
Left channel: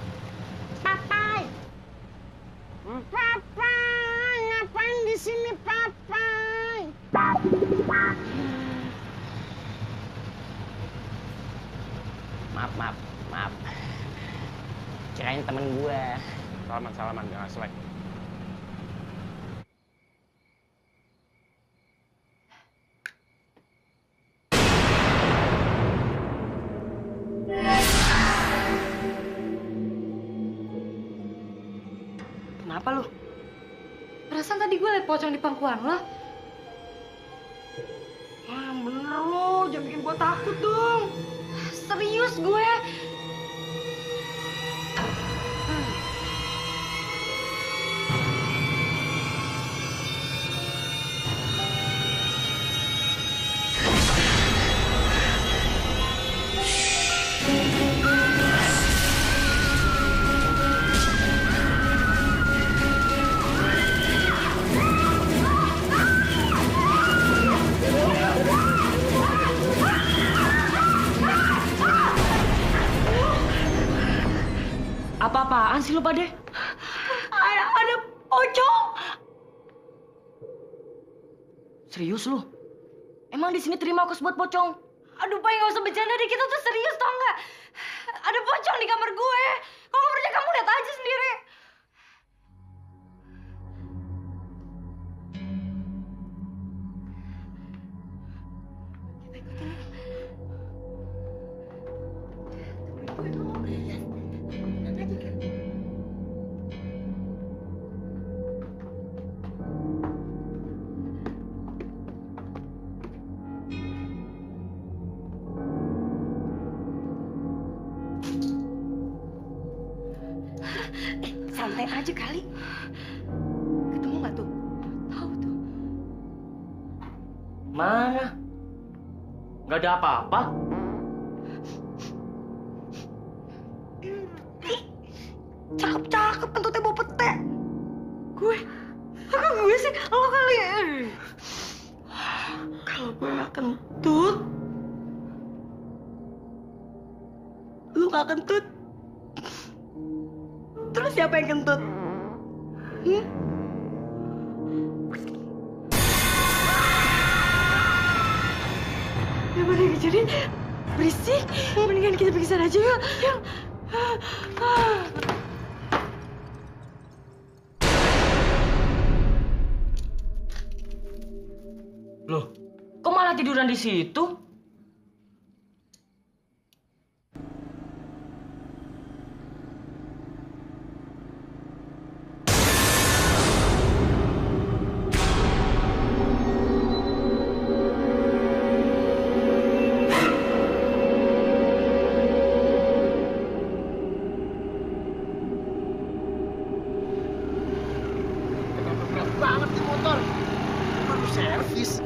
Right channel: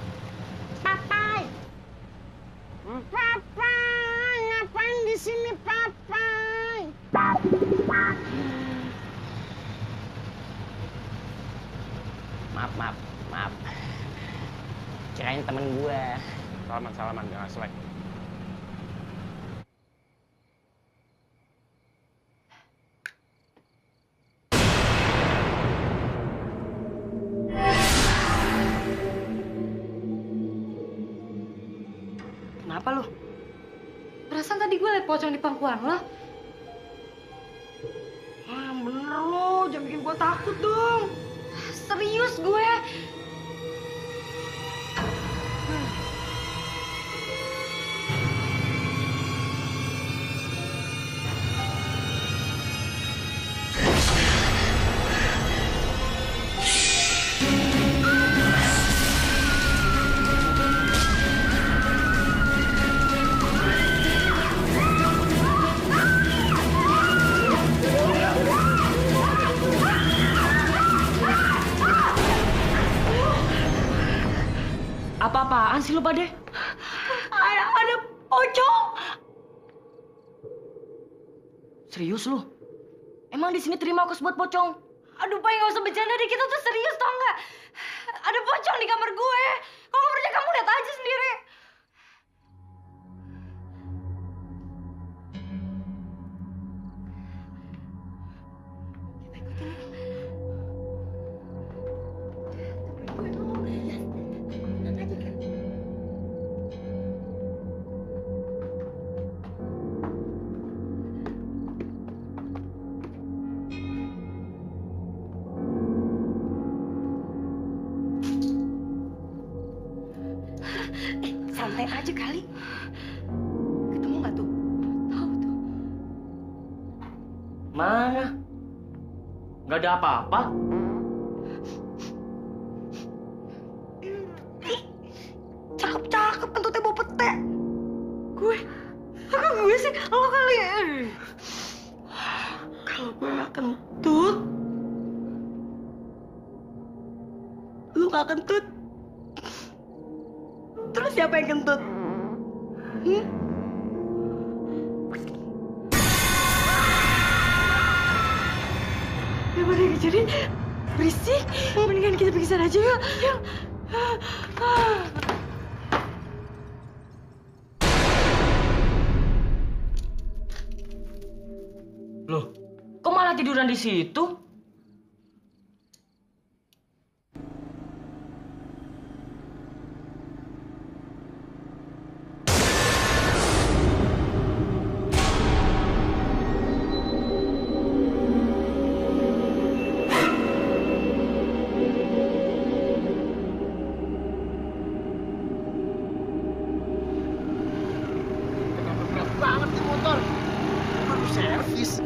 Papai. Papai, ngapain di sini, Papai? Maaf. Kirain temen gue. Salaman, jangan selek. Kenapa lu? Perasaan tadi gue liat pocong di pangkuan lo. Yang bener lo, jangan bikin gue takut dong. Serius gue. Apa-apaan sih lu pada? Ada pocong. Serius lu? Emang di sini terima kos buat pocong? Aduh, Pai, nggak usah bercanda deh. Kita tuh serius, tau nggak? Ada pocong di kamar gue. Kalau nggak percaya, kamu lihat aja sendiri. Kita ikutin yuk. Temuin gue dulu. Ya, tenang aja kan. Santai aja kali. Ketemu nggak tuh? Tahu tuh. Mana? Nggak ada apa-apa. Cakep kentutnya bawa pete. Gue sih, lo kali ya. Kalau gue nggak kentut, lu nggak kentut. Terus siapa yang kentut? Daripada jadi berisik, mendingan kita pergi sana aja yuk. Yuk. Loh, kok malah tiduran di situ? Banget nih motor. Baru servis.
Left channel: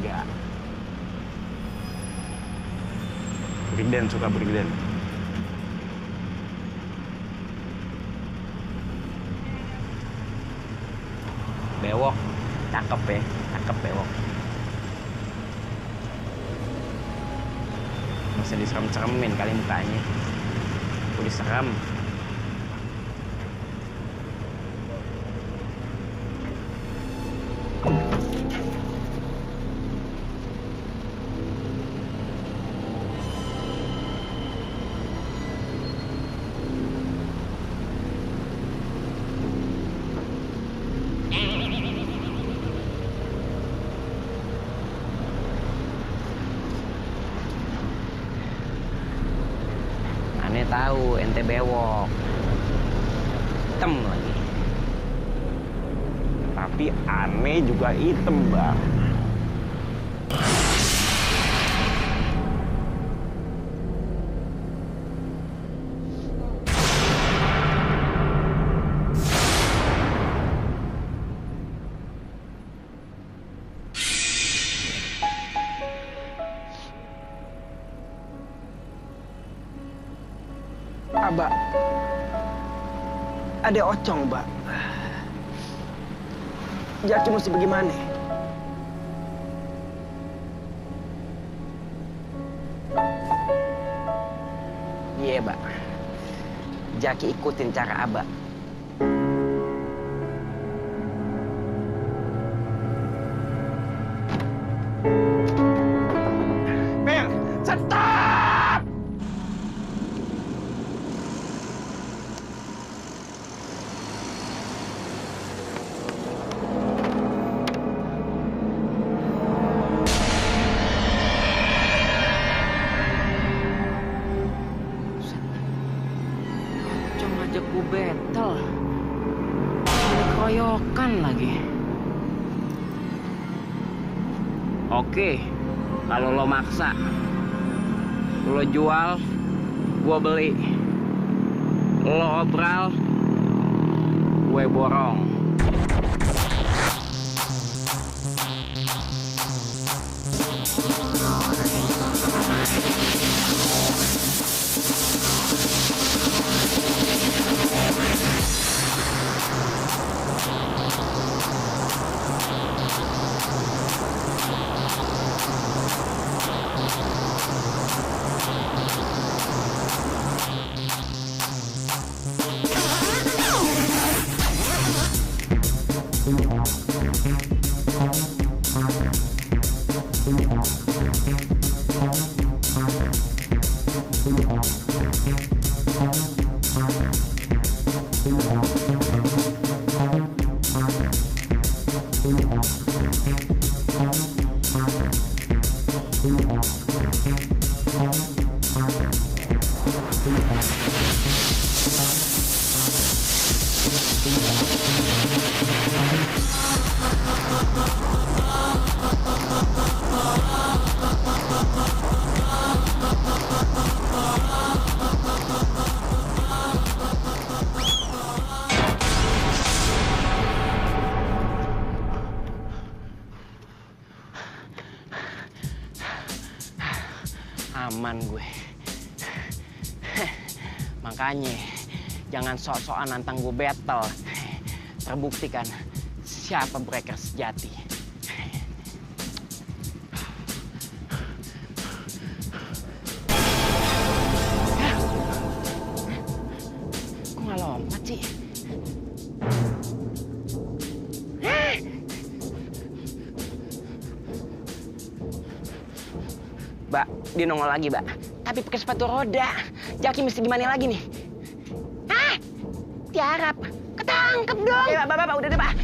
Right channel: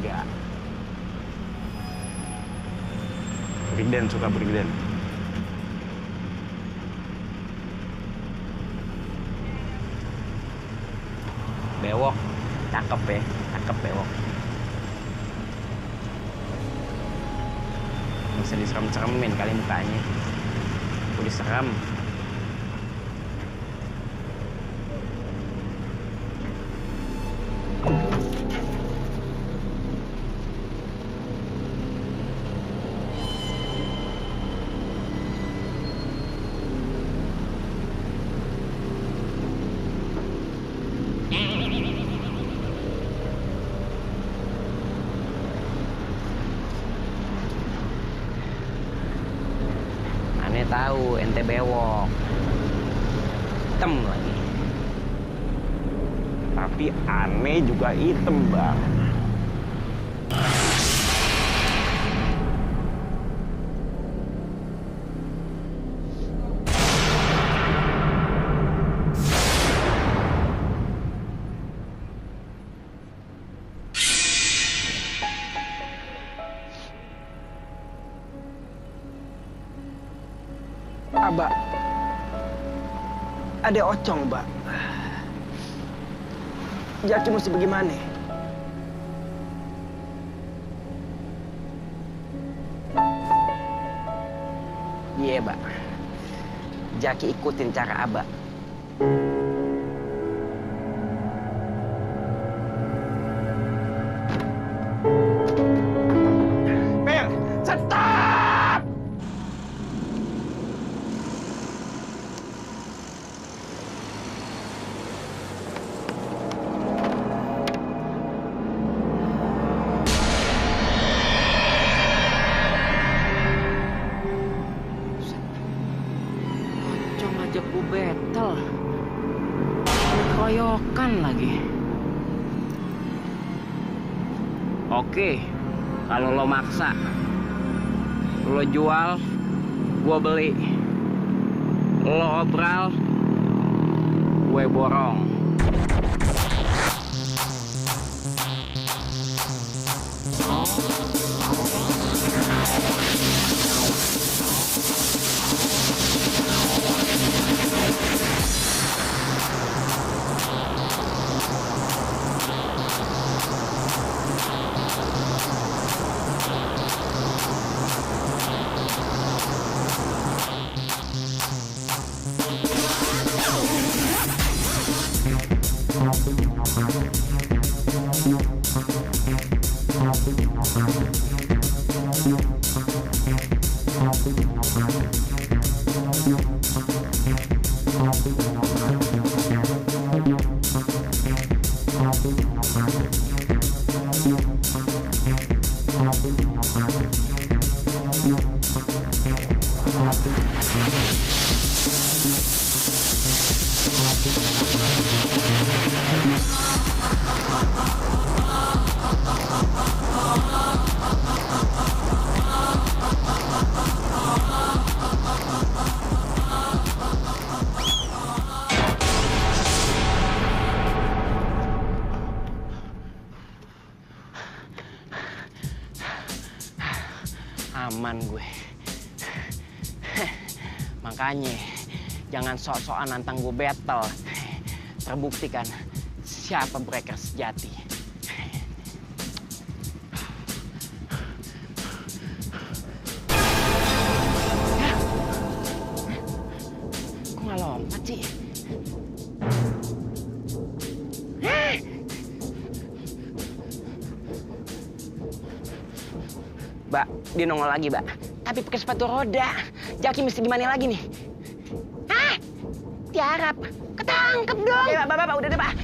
Enggak. Brigden suka Brigden. Bewok, cakep ya, cakep bewok. Bisa diserem-seremin kali mukanya. Aku diserem. Aneh tahu ente bewok, hitam lagi. Tapi aneh juga hitam, Bang. Abah, ada ocong, Mbak. Jaki mesti bagaimana? Iya, Mbak. Jaki ikutin cara Abah. Mel, stop! ngajak gue battle. Ada keroyokan lagi. Oke, kalau lo maksa, lo jual, gue beli. Lo obral, gue borong. Aman gue. Makanya jangan sok-sokan nantang gue battle. Terbukti kan siapa breaker sejati. Kok nggak lompat sih? Mbak, dia nongol lagi, Mbak. Tapi pakai sepatu roda. Jaki mesti gimana lagi nih? Hah? Tiarap. Ketangkep dong. Ya, Mbak, udah deh, Mbak.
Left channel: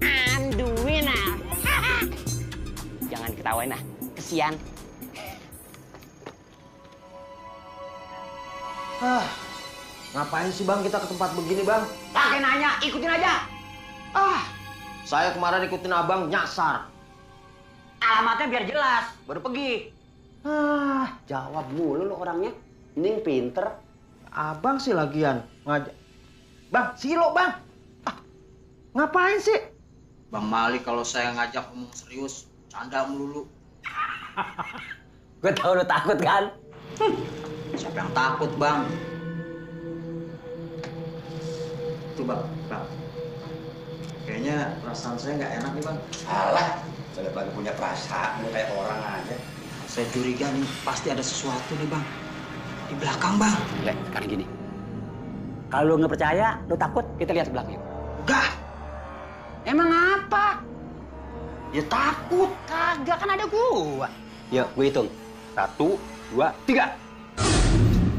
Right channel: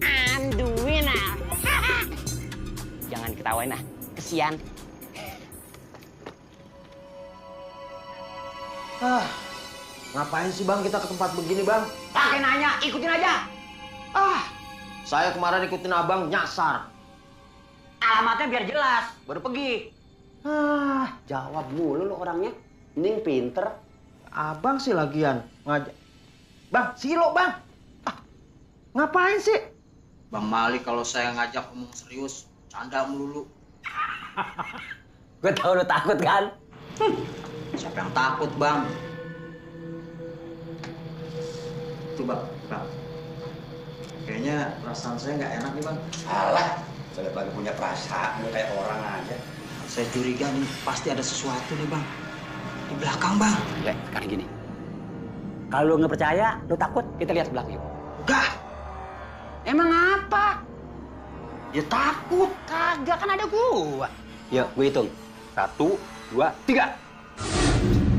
I'm the winner. Jangan ketawain ah. Kesian. Ngapain sih bang kita ke tempat begini bang? Pakai nanya, ikutin aja. Saya kemarin ikutin abang nyasar. Alamatnya biar jelas, baru pergi. Jawab mulu lo orangnya. Ini pinter. Abang sih lagian ngajak. Bang, silo bang. Ngapain sih? Bang Mali kalau saya ngajak ngomong serius, canda melulu. Gue tau lo takut kan? Siapa yang takut, Bang? Tuh, Bang. Kayaknya perasaan saya nggak enak nih, Bang. Alah, saya lagi punya perasaan kayak orang aja. Saya curiga nih, pasti ada sesuatu nih, Bang. Di belakang, Bang. Ya, sekarang gini. Kalau lo nggak percaya, lo takut, kita lihat ke belakang yuk. Enggak. Emang apa? Ya takut. Kagak, kan ada gua. Yuk, gue hitung. 1, 2, 3.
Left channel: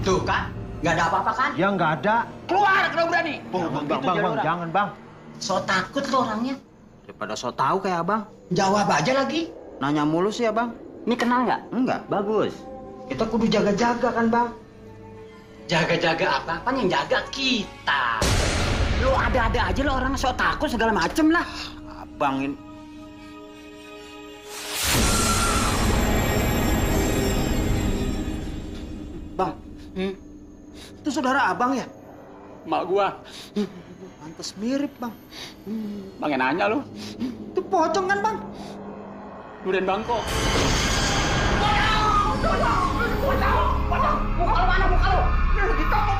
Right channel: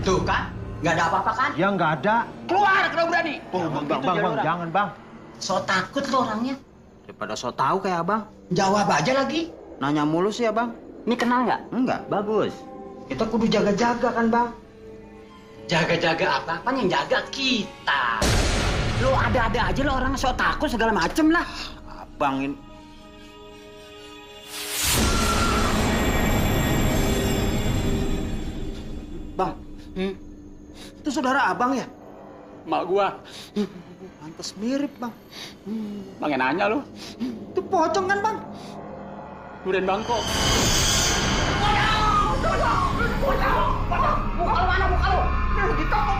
Tuh kan, nggak ada apa-apa kan? Ya nggak ada. Keluar kalau berani. Bang, jangan bang. So takut lo orangnya. Daripada so tahu kayak abang. Jawab aja lagi. Nanya mulu sih, Abang. Ini kenal nggak? Enggak. Bagus. Kita kudu jaga-jaga kan, Bang? Jaga-jaga apa? Kan yang jaga kita. Lo ada-ada aja lo orang so takut segala macem lah. Abang ini. Bang, itu saudara abang ya? Mak gua. Pantes mirip, Bang. Bang yang nanya lo. Itu pocong kan, Bang? Durian Bangkok. Muka lu mana muka lu? Ditokok.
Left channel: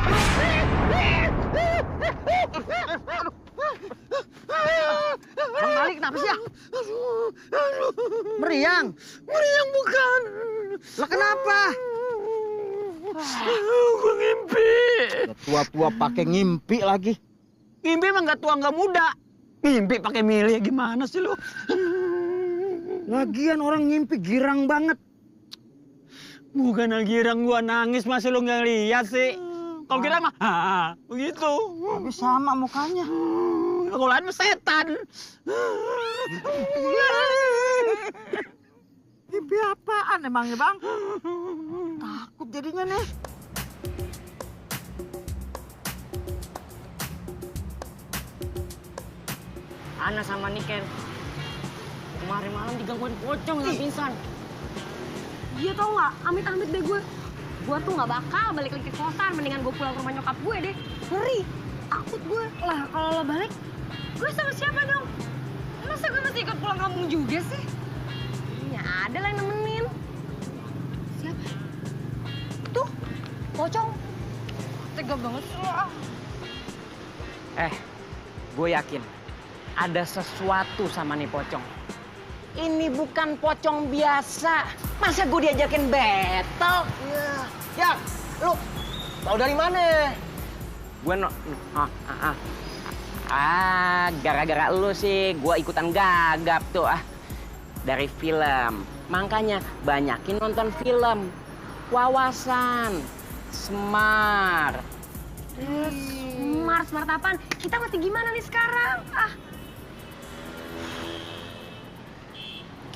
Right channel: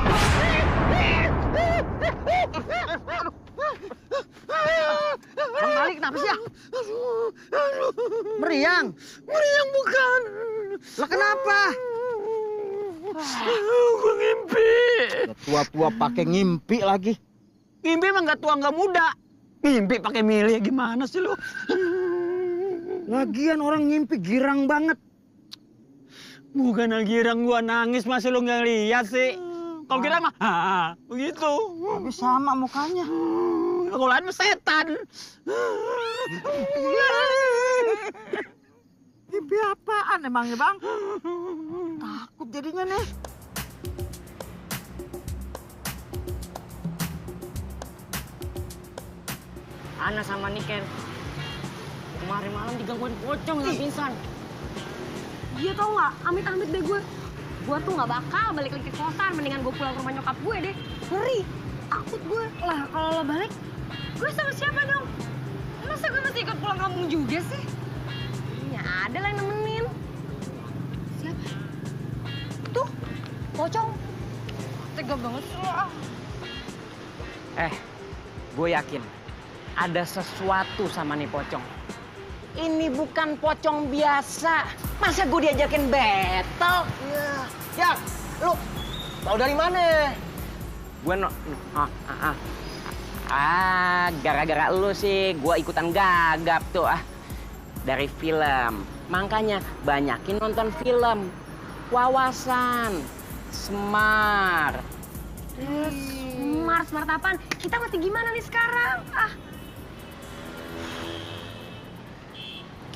Bang Mali kenapa sih ya? Meriang? Meriang bukan. Lah kenapa? Gue ngimpi. Tua-tua pakai ngimpi lagi. Ngimpi emang nggak tua nggak muda. Ngimpi pakai milih gimana sih lu? Lagian orang ngimpi girang banget. Bukan girang gua nangis masih lu nggak lihat sih. Kalau girang mah begitu. Tapi sama mukanya. Sekolahan setan. Mimpi apaan emangnya, Bang? Takut jadinya nih. Ana sama Niken kemarin malam digangguin pocong nggak pingsan. Iya tau nggak, amit-amit deh gue. Gue tuh nggak bakal balik lagi ke kosan, mendingan gue pulang ke rumah nyokap gue deh. Ngeri, takut gue. Lah kalau lo balik, gue sama siapa dong? Masa gue masih ikut pulang kampung juga sih? Ya ada lah yang nemenin. Siapa? Tuh, pocong. Tega banget sih lo. Gue yakin ada sesuatu sama nih pocong. Ini bukan pocong biasa. Masa gue diajakin battle? Ya, lu tahu dari mana? Gue gara-gara lu sih gue ikutan gagap tuh dari film. Makanya banyakin nonton film. Wawasan, smart. Smart apaan? Kita mesti gimana nih sekarang?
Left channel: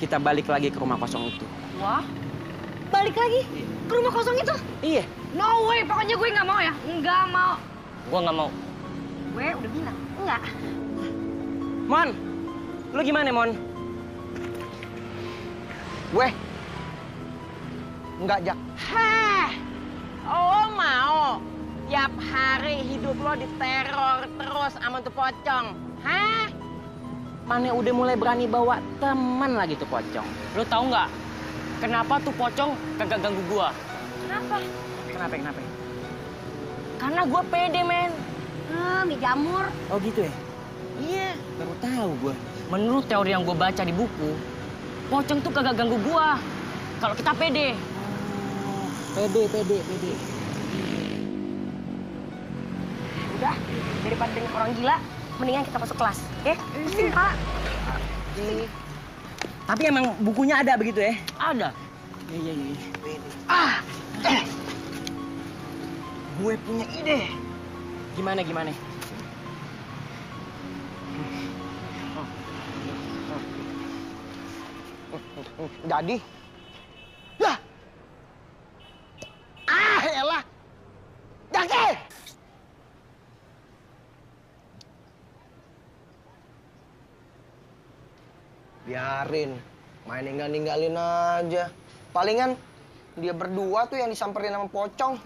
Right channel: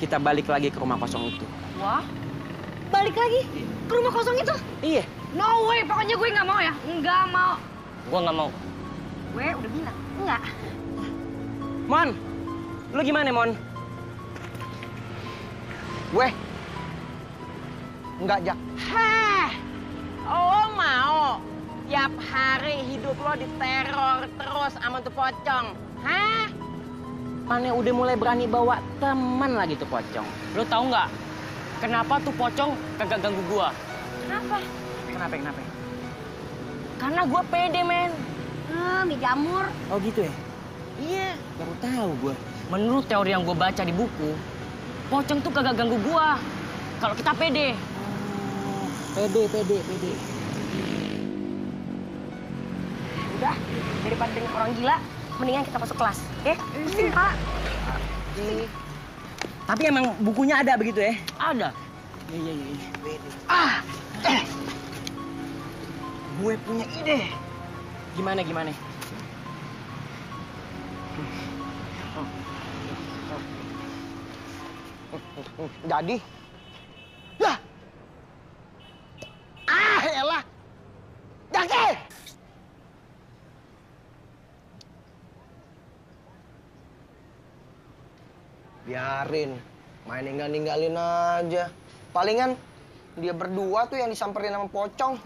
Kita balik lagi ke rumah kosong itu. Wah, balik lagi ke rumah kosong itu? Iya. No way, pokoknya gue nggak mau ya. Nggak mau. Gue nggak mau. Gue udah bilang, enggak. Mon, lu gimana, Mon? Gue enggak, Jak. Oh mau tiap hari hidup lo diteror terus sama tuh pocong? Mana udah mulai berani bawa teman lagi tuh pocong? Lo tahu nggak kenapa tuh pocong kagak ganggu gua? Kenapa? Karena gua pede, men. Mie jamur. Oh gitu ya? Iya. Baru tahu gua. Menurut teori yang gua baca di buku, pocong tuh kagak ganggu gua. Kalau kita pede. Pede. Udah, daripada dengan orang gila, mendingan kita masuk kelas, oke? Sini, Pak. Tapi emang bukunya ada begitu ya? Ada. Iya. Gue punya ide. Gimana? Jadi, lah, elah, Jaki! Biarin, main ninggalin aja. Palingan dia berdua tuh yang disamperin sama pocong.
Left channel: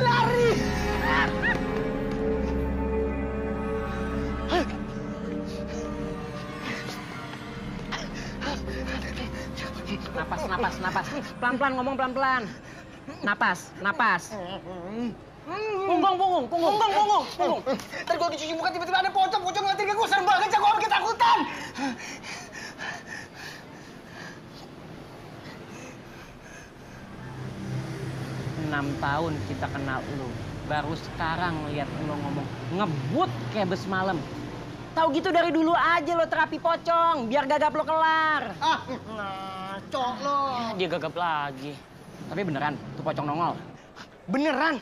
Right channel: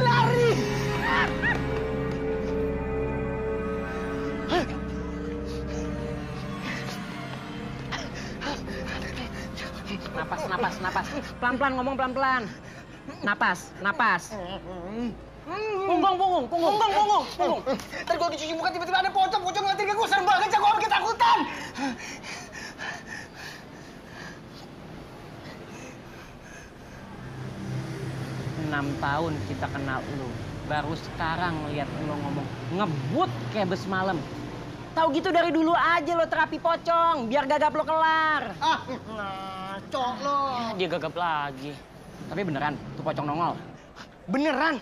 Lari! Napas. Pelan-pelan ngomong pelan-pelan. Napas. Punggung. Ntar gue dicuci muka tiba-tiba ada pocong ngeliatin ke gue, serem banget, gue orang ketakutan. 6 tahun kita kenal lu. Baru sekarang lihat lu ngomong ngebut kayak bes malam. Tahu gitu dari dulu aja lo terapi pocong, biar gagap lo kelar. Ngaco lo. Dia gagap lagi. Tapi beneran, tuh pocong nongol. Beneran.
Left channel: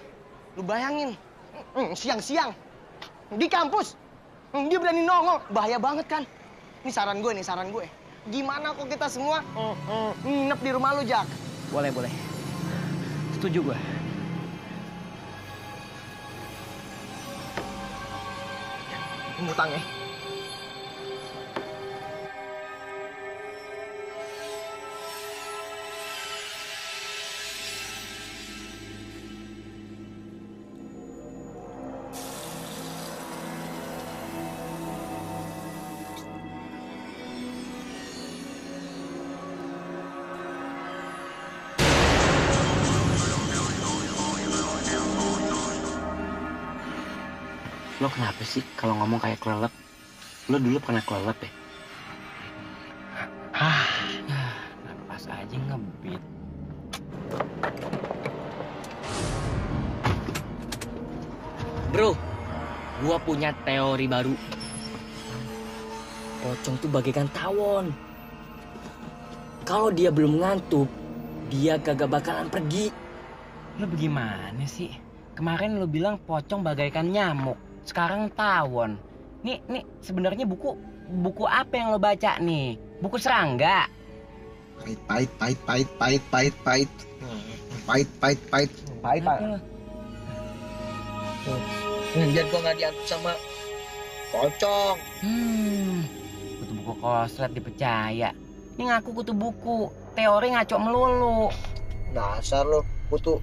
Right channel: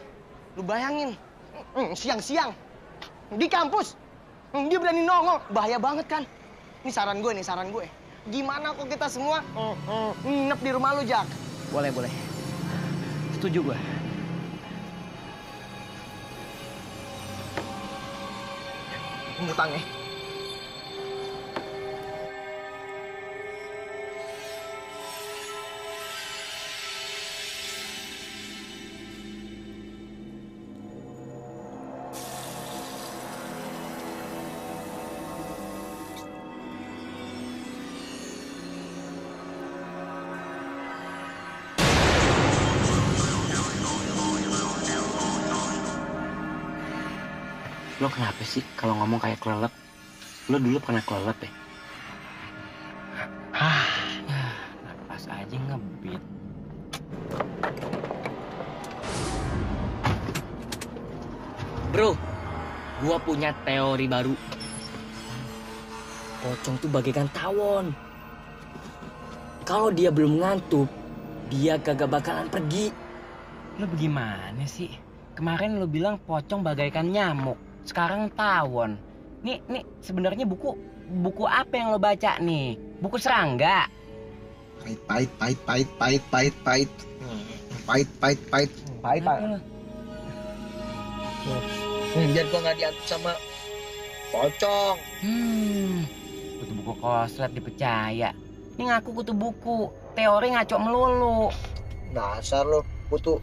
Lu bayangin, siang-siang di kampus, dia berani nongol. Bahaya banget kan? Ini saran gue. Gimana kok kita semua nginep di rumah lu, Jak? Boleh. Setuju gue. Ngutang ya. Lo kenapa sih kalau ngomong kayak kelelep? Lo dulu pernah kelelep ya? Napas aja ngebit. Bro, gua punya teori baru. Pocong tuh bagaikan tawon. Kalau dia belum ngantuk, dia kagak bakalan pergi. Lu bagaimana sih? Kemarin lu bilang pocong bagaikan nyamuk, sekarang tawon. Nih sebenarnya buku apa yang lo baca nih? Buku serangga. Pahit. Biar gua nggak diantuk sama pocong. Kutu buku koslet dipercaya. Ini ngaku kutu buku, teori ngaco melulu. Dasar lo, kutu.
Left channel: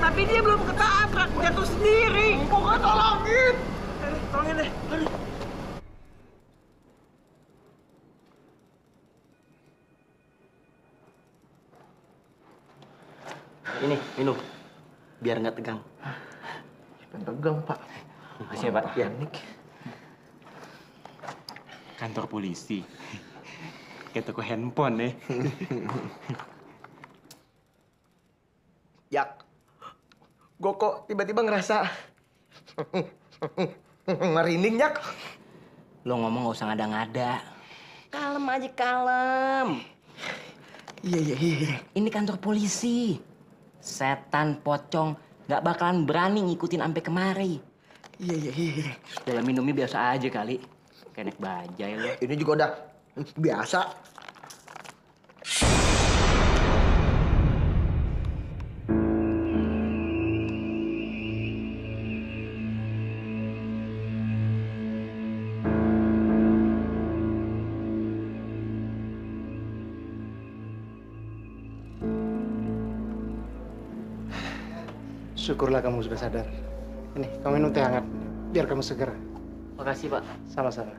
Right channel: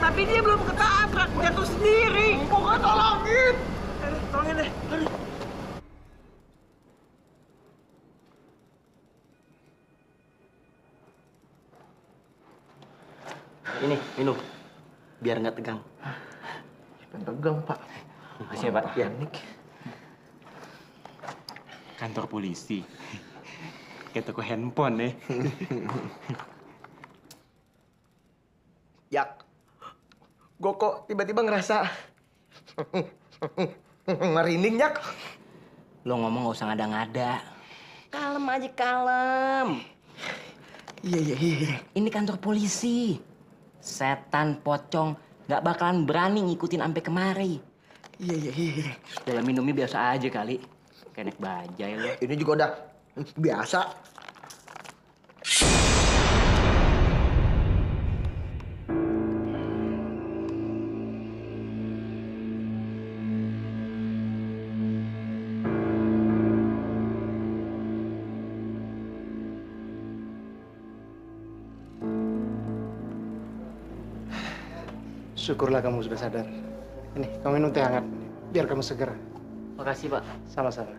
Tapi dia belum ketabrak, jatuh sendiri. Pokoknya tolongin. Tolongin deh. Aduh. Ini, minum. Biar nggak tegang. Tegang, Pak. Makasih ya, Pak. Ya. Kantor polisi. Kayak toko handphone nih. Jak, gue kok tiba-tiba ngerasa merinding, Jak. Lo ngomong gak usah ngada-ngada. Kalem aja, kalem. Iya. Ini kantor polisi. Setan pocong gak bakalan berani ngikutin sampai kemari. Iya. Dalam minumnya biasa aja kali. Kayak naik bajai lo. Ini juga udah biasa. Syukurlah kamu sudah sadar. Ini, kamu minum teh hangat. Biar kamu seger. Makasih, Pak. Sama-sama.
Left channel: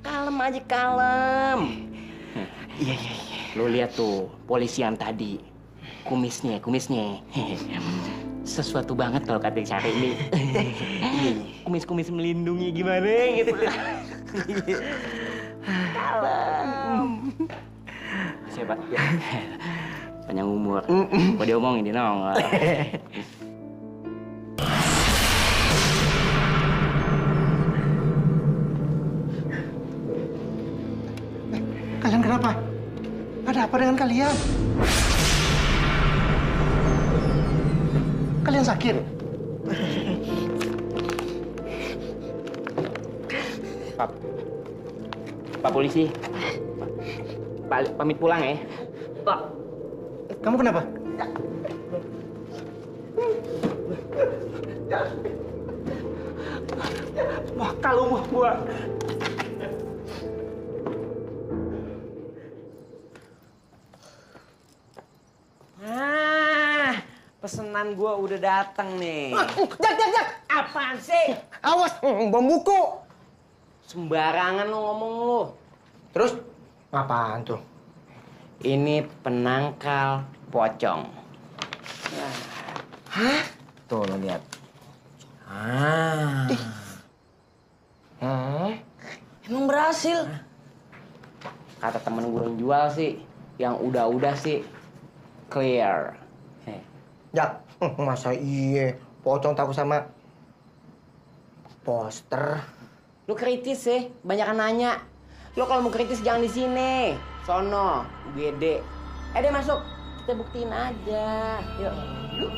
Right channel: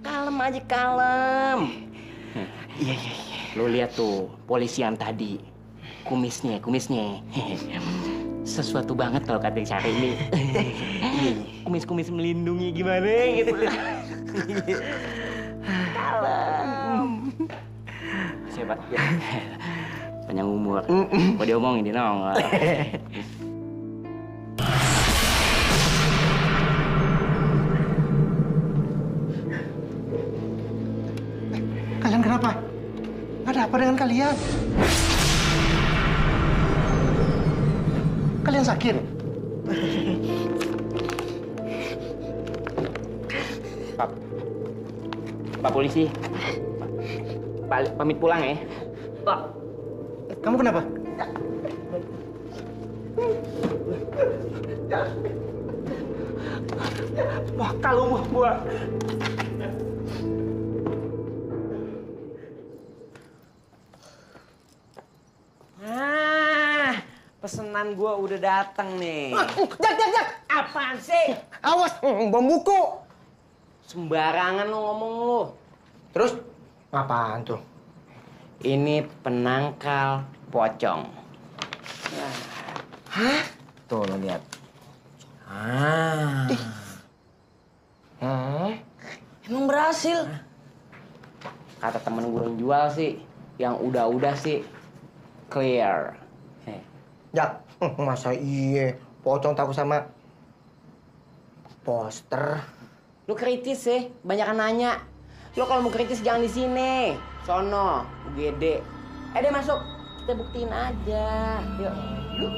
Kalem aja, kalem. Iya. Lo lihat tuh, polisi yang tadi. Kumisnya. Sesuatu banget kalau kata Syari ini. Kumis-kumis melindungi gimana gitu. Kalem. Siapa? Ya. Panjang umur. Kok diomongin di nongol. Kalian kenapa? Ada apa dengan kalian? Kalian sakit? Pak polisi. Pak, pamit pulang ya. Pak. Kamu kenapa? Wah, kalau gua. Pesanan gua udah datang nih. Jak. Apaan sih? Awas, bom buku. Sembarangan lo ngomong lo. Terus? Apaan tuh? Ini penangkal pocong. Hah? Tuh lo lihat. Emang berhasil? Kata temen gue yang jual sih, yang udah sih clear. Jak, masa iya pocong takut sama poster? Lu kritis sih, banyak nanya. Lu kalau mau kritis jangan di sini. Sono, UGD. Deh masuk. Kita buktiin aja. Yuk. Yuk.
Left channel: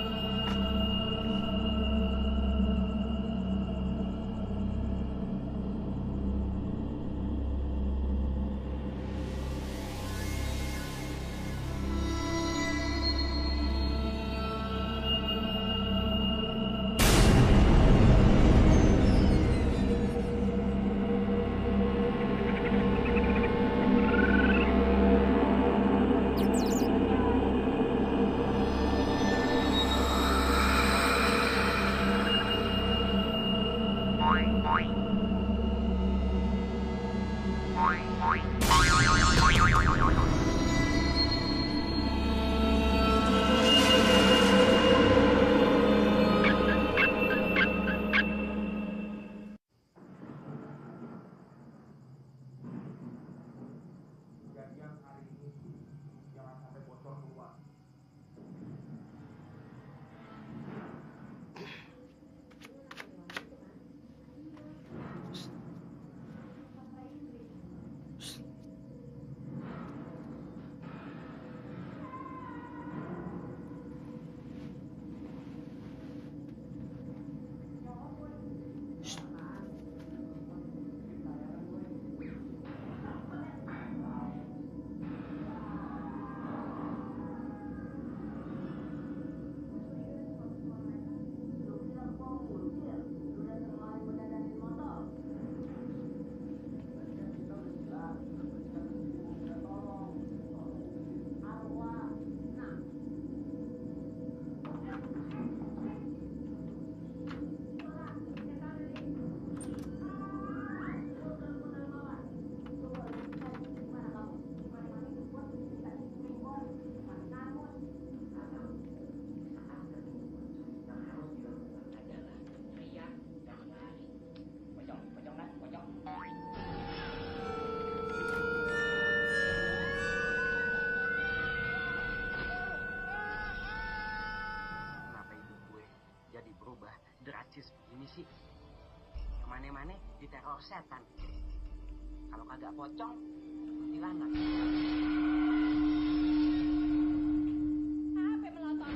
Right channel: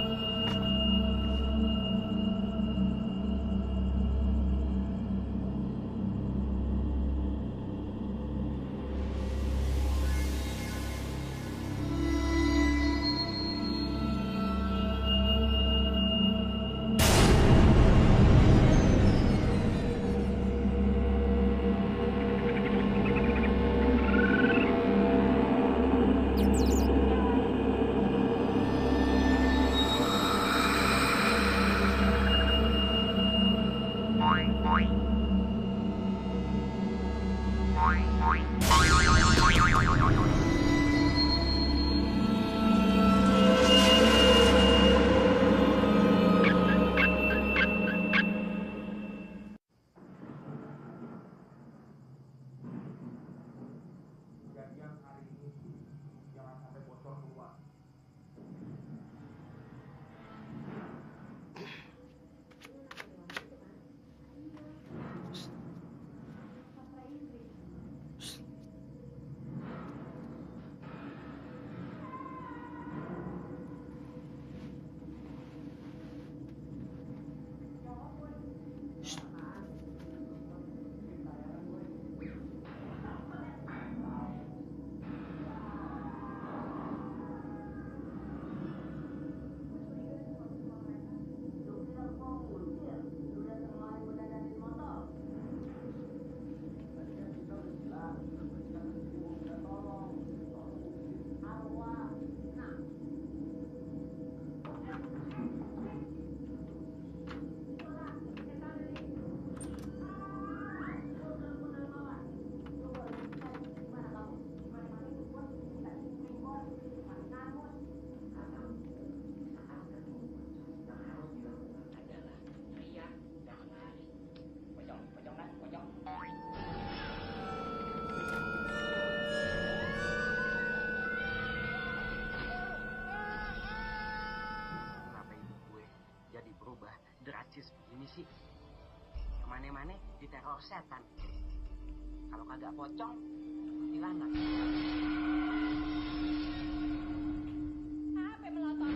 Drastis begini sih, kemana-mana diteror setan. Kalau kagak pocong, kuntilanak. Apa melotot?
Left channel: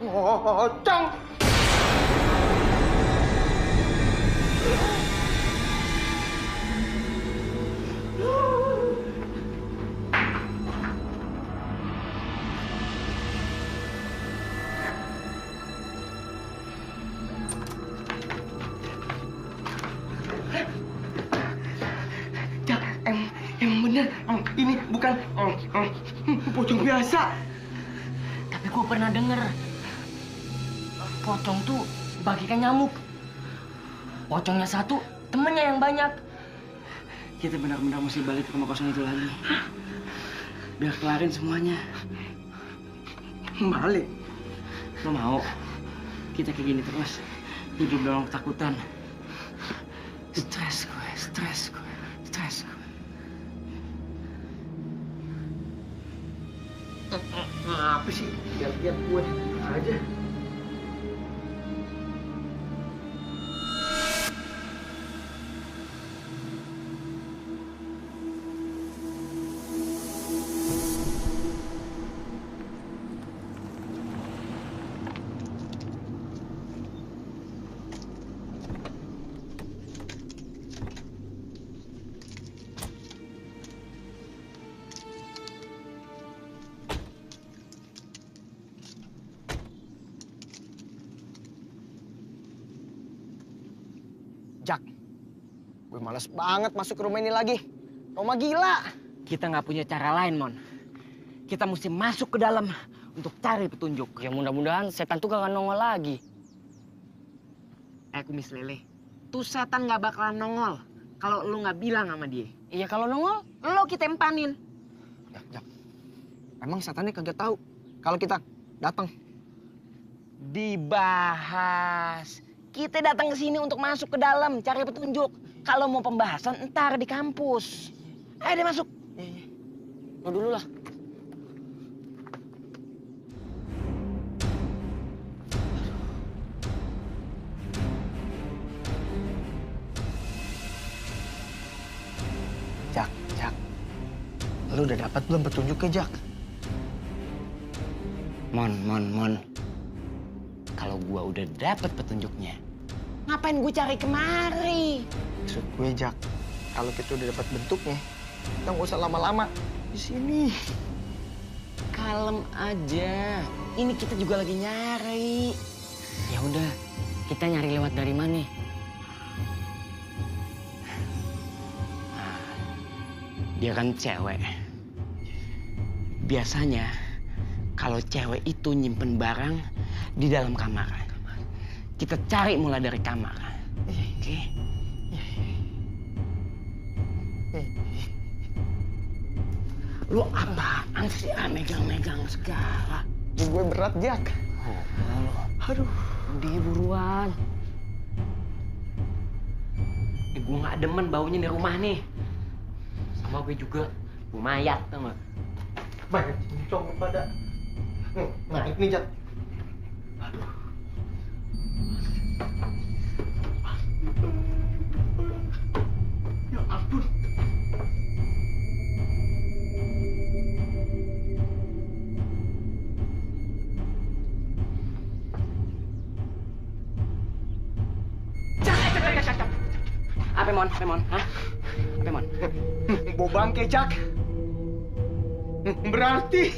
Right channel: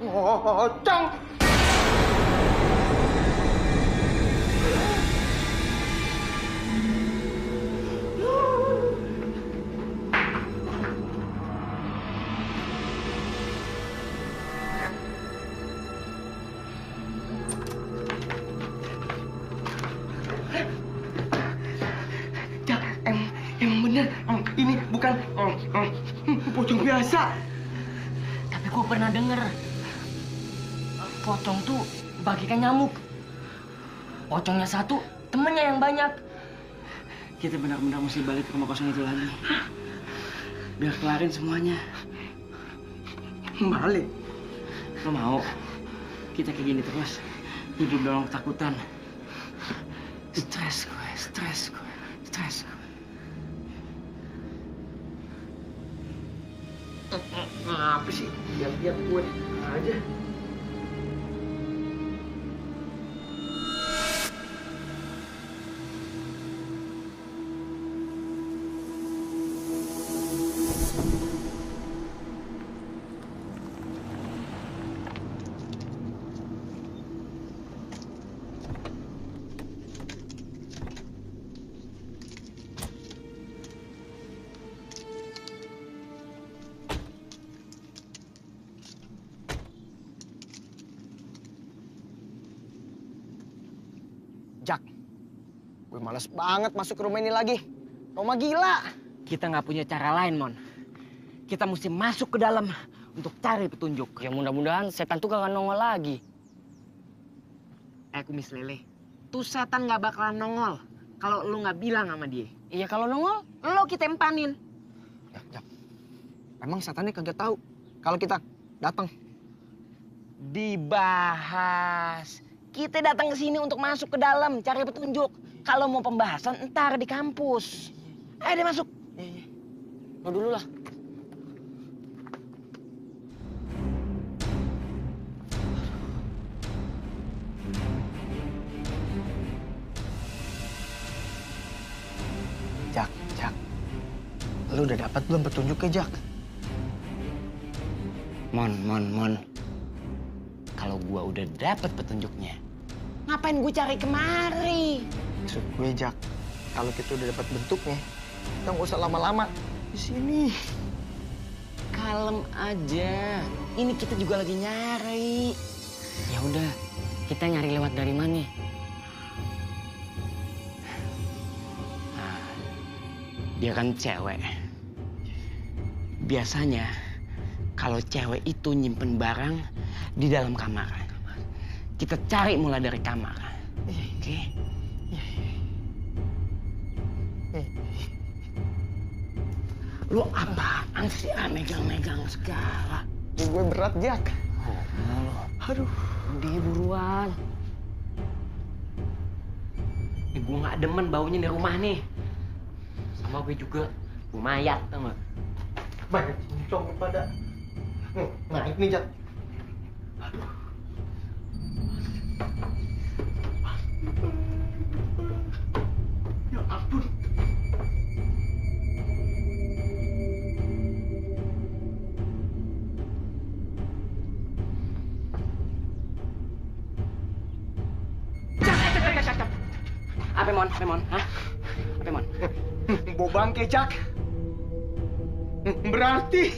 Pocong. Emang bener, ini bukan pocong biasa. Tapi gue pernah denger, pocong tuh bagikan nyamuk. Pocongnya satu, temennya yang banyak. Kita benar-benar mesti balik ke rumah kosong itu lagi. Biar kelarin semuanya. Balik? Lo mau? Kita kayak gini terus, hidup dalam ketakutan. Stres gue. Apa sih? Lihat-lihat gue aja. Jak, gue males banget masuk ke rumah ini lagi. Roma gila. Kita nggak punya cara lain, Mon. Kita mesti masuk ke dalam untuk cari petunjuk. Ya mudah-mudahan setan tuh gak nongol lagi. Kumis lele, tuh setan nggak bakalan nongol kalau lu nggak bilang sama dia. Iya kalau nongol, lo kita empanin. Jak, emang setannya kagak tahu kalau kita datang? Dibahas. Kita datang ke sini untuk masuk ke dalam, cari petunjuk. Kalau mau pembahasan, entar di kampus. Ayo deh masuk. Lo dulu lah. Jak. Lu udah dapat belum petunjuknya, Jak? Mon. Kalau gua udah dapet petunjuknya, ngapain gua cari kemari? Maksud gue, Jak, kalau kita udah dapat bentuknya, kita nggak usah lama-lama di sini. Kalem aja. Ini kita juga lagi nyari. Ya udah, kita nyari lewat dari mana? Nah, dia kan cewek. Biasanya kalau cewek itu nyimpen barang di dalam kamar. Kita cari mulai dari kamar. Oke? Lu apaan sih megang-megang segala? Gue berat, Jak. Lu. Aduh. Udah buruan. Gue gak demen baunya di rumah nih. Sama gue juga. Gue mayat, tau gak? Banyak cincong kepada. Naik nih, Jak. Aduh. Ya ampun. Apa Mon? Hah? Apa Mon? Bau bangke, Jak. Berarti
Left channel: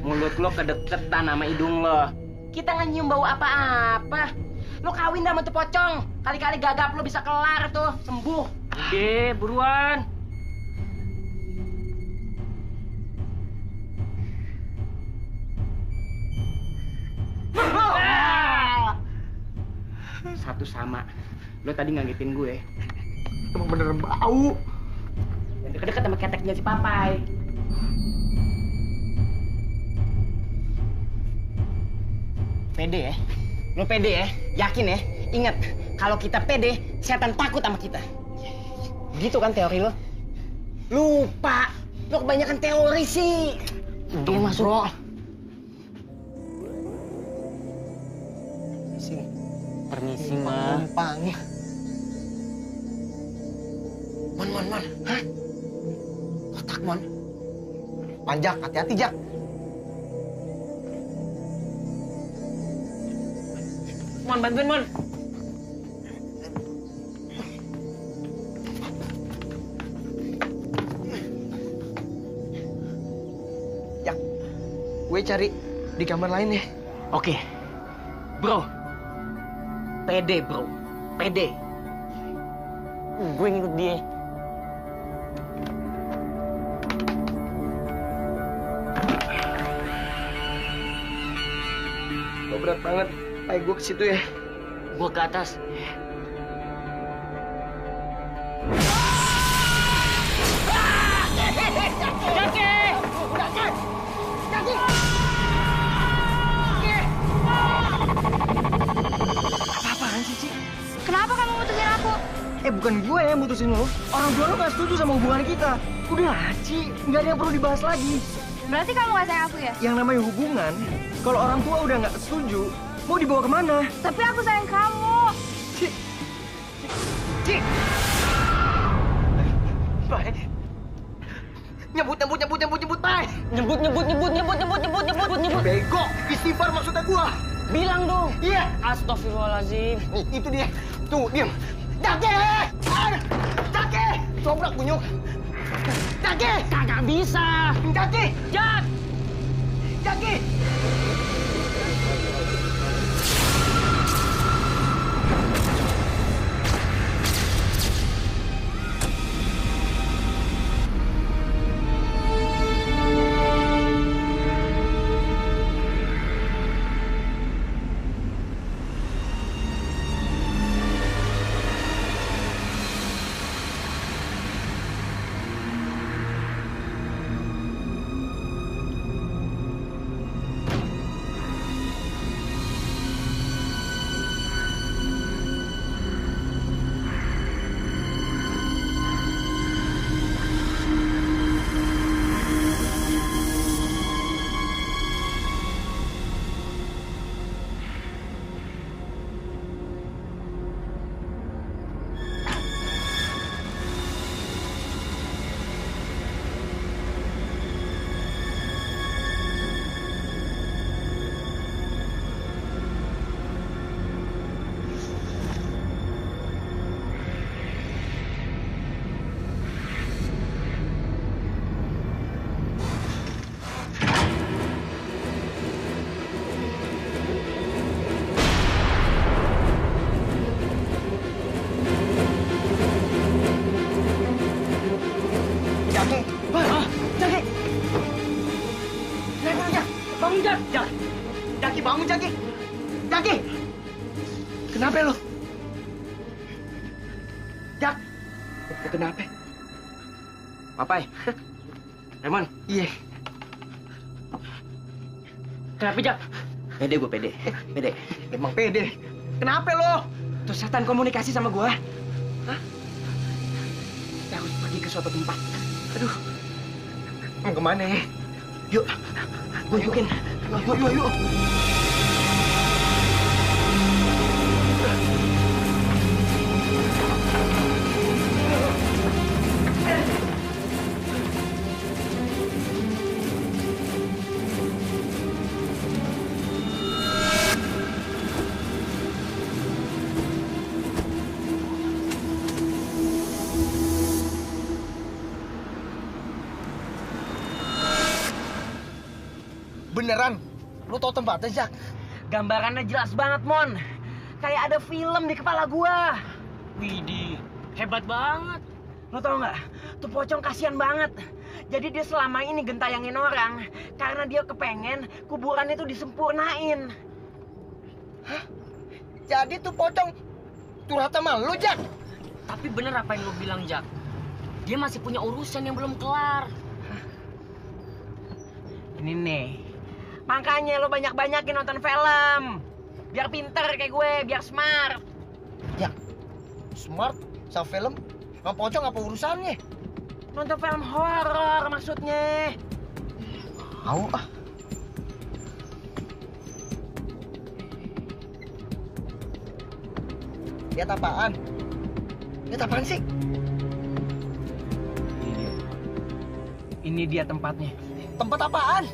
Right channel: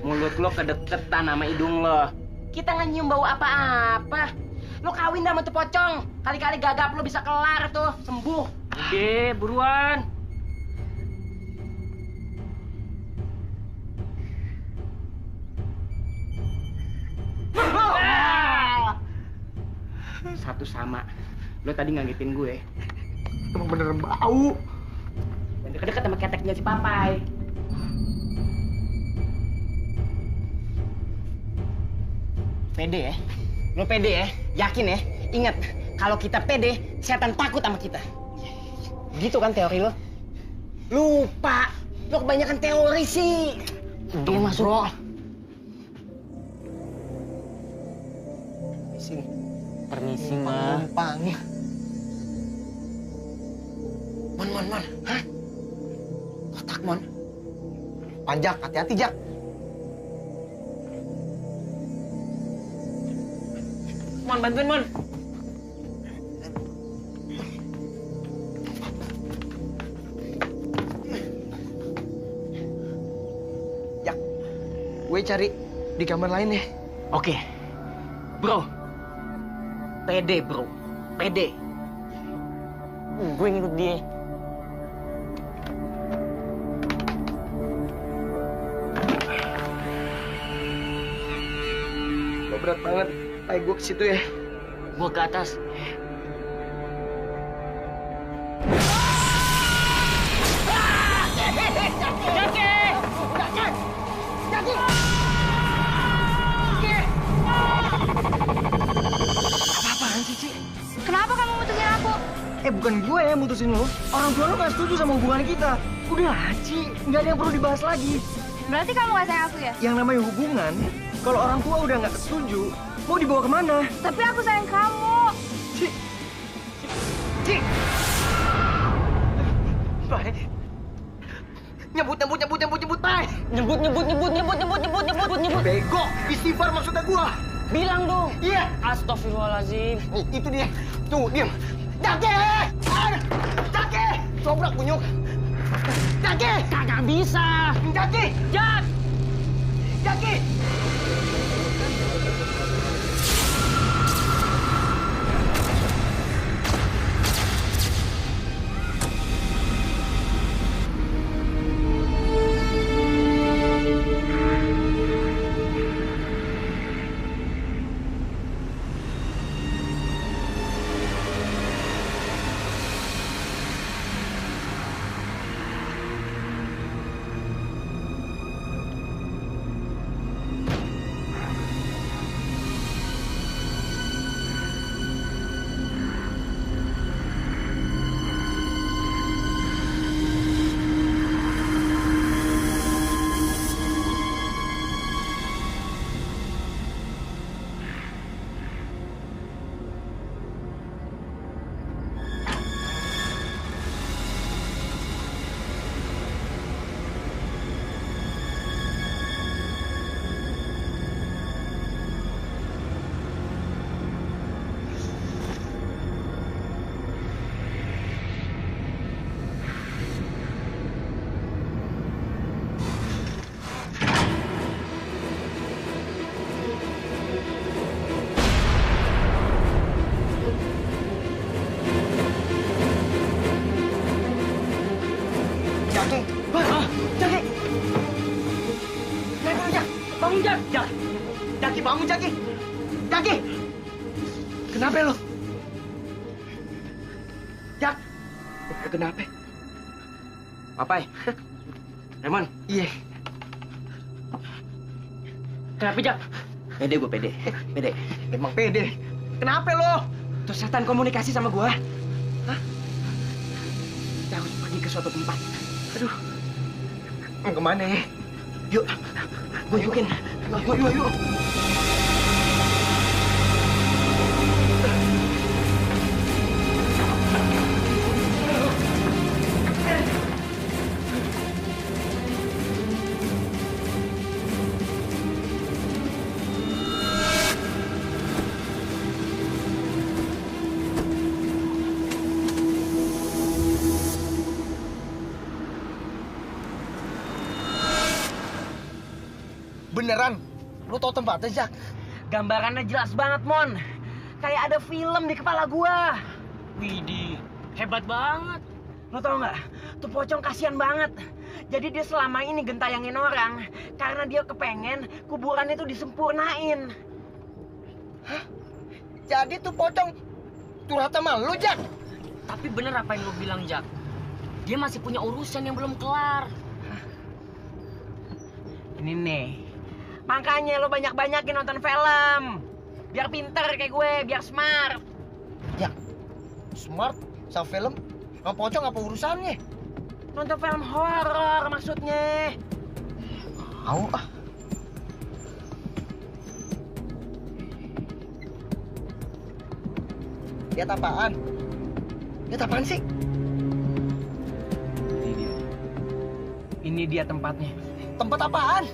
Mulut lo kedeketan sama hidung lo. Kita nggak nyium bau apa-apa. Lo kawin dah sama tuh pocong. Kali-kali gagap lo bisa kelar tuh, sembuh. Udah, buruan. Satu sama. Lo tadi ngagetin gue. Emang bener bau. Dan deket-deket sama keteknya si Papai. Pede ya? Lo pede ya? Yakin ya? Ingat, kalau kita pede, setan takut sama kita. Gitu kan teori lo? Lupa! Lo kebanyakan teori sih. Dia masuk. Bro. Permisi, Ma. Numpang. Mon. Hah? Kotak, Mon. Panjak, hati-hati, Jak. Mon, bantuin, Mon. Jak, gue cari di kamar lain ya. Oke. Bro. Pede, bro. Pede. Gue ngikut dia. Lo berat banget. Ayo gue ke situ ya. Gue ke atas. Apa-apaan sih, Ci? Kenapa kamu mutusin aku? Bukan gue yang mutusin lo. Orang tua lo gak setuju sama hubungan kita. Udah, Ci. Nggak ada yang perlu dibahas lagi. Berarti kamu gak sayang aku ya? Yang namanya hubungan, kalau orang tua udah nggak setuju, mau dibawa kemana? Tapi aku sayang kamu. Ci. Baik. Nyebut, Pai. Nyebut. Bego, istighfar maksudnya gua. Bilang dong. Iya. Astagfirullahaladzim. Nih, itu dia. Tuh, diam. Jaki! Cobrak bunyuk. Jaki! Kagak bisa. Jaki! Jaki! Jaki! Kenapa lu, Jak? Bangun, Jak! Jaki, bangun, Jaki! Jaki! Kenapa lu? Jak! Kenapa? Papai. Raymond. Iya. Kenapa, Jak? Pede gue, pede. Pede. Emang pede. Kenapa lo? Tuh setan komunikasi sama gua. Hah? Kita harus pergi ke suatu tempat. Aduh. Mau kemana ya? Yuk. Gue ikutin. Yuk. Beneran? Lu tau tempatnya, Jak? Gambarannya jelas banget, Mon. Kayak ada film di kepala gua. Widih, hebat banget. Lo tau nggak? Tuh pocong kasihan banget. Jadi dia selama ini gentayangin orang karena dia kepengen kuburan itu disempurnain. Hah? Jadi tuh pocong curhat sama lu, Jak? Tapi bener apa yang lu bilang, Jak? Dia masih punya urusan yang belum kelar. Ini nih. Makanya lo banyak-banyakin nonton film. Biar pinter kayak gue, biar smart. Jak, smart sama film? Sama pocong apa urusannya? Nonton film horor maksudnya. Mau ah. Lihat apaan? Lihat apaan sih? Ini dia tempatnya. Tempat apaan?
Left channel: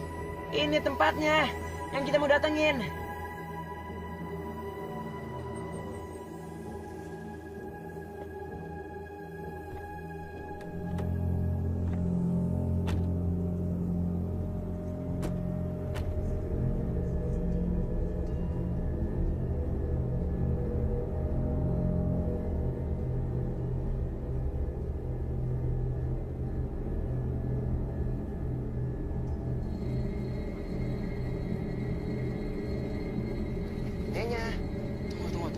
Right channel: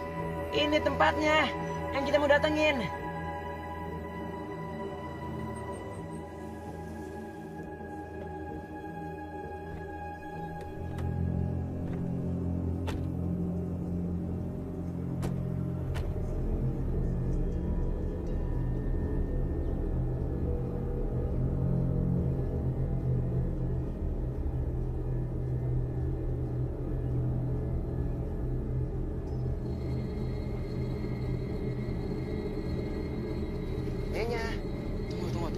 Ini tempatnya yang kita mau datengin. Tunggu.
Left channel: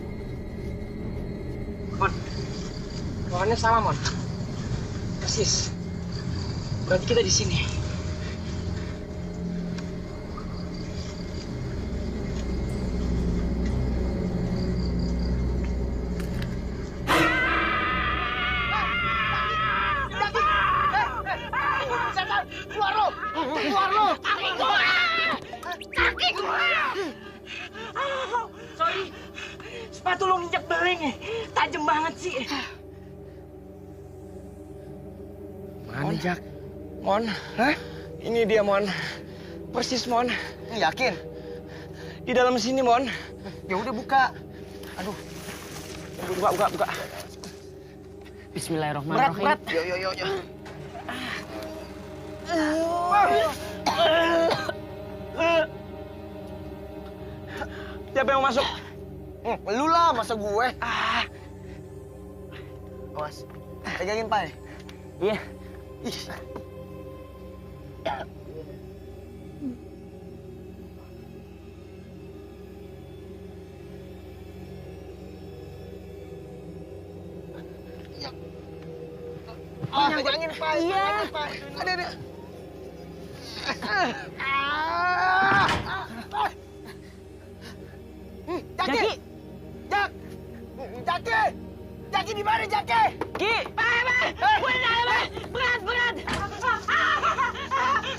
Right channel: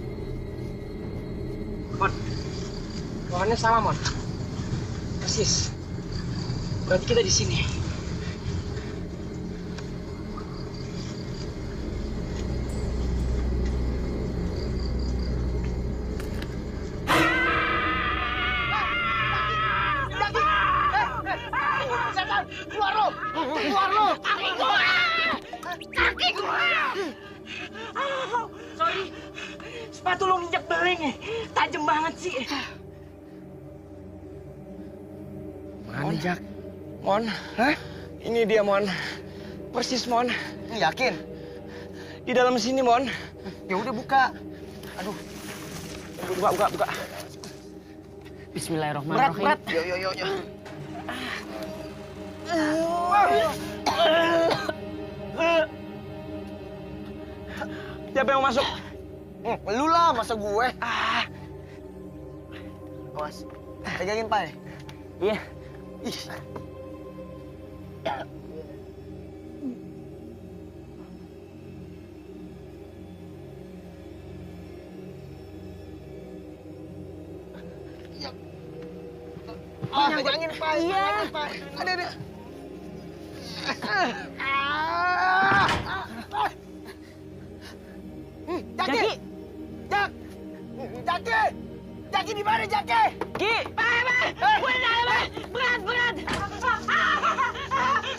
Mon, pohonnya sama, Mon. Persis. Berarti kita di sini. Keluar lo! Kaki gua! Sorry, sepatu lo nginjek beling. Tajam banget sih. Mana, Jak? Mon? Hah? Ini dia, Mon. Persis, Mon. Yakin? Di dalam sini, Mon. Ya udah buka. Aduh. Buka. Bismillahirrahmanirrahim. Berat. Yo. Siapa yang mau masuk? Lu lah, masa gue? Awas, pegangin, Pai. Iya. Ih. Pegangin, Pai. Iya. Ada. Jaki di mana, Jaki? Ki, berat.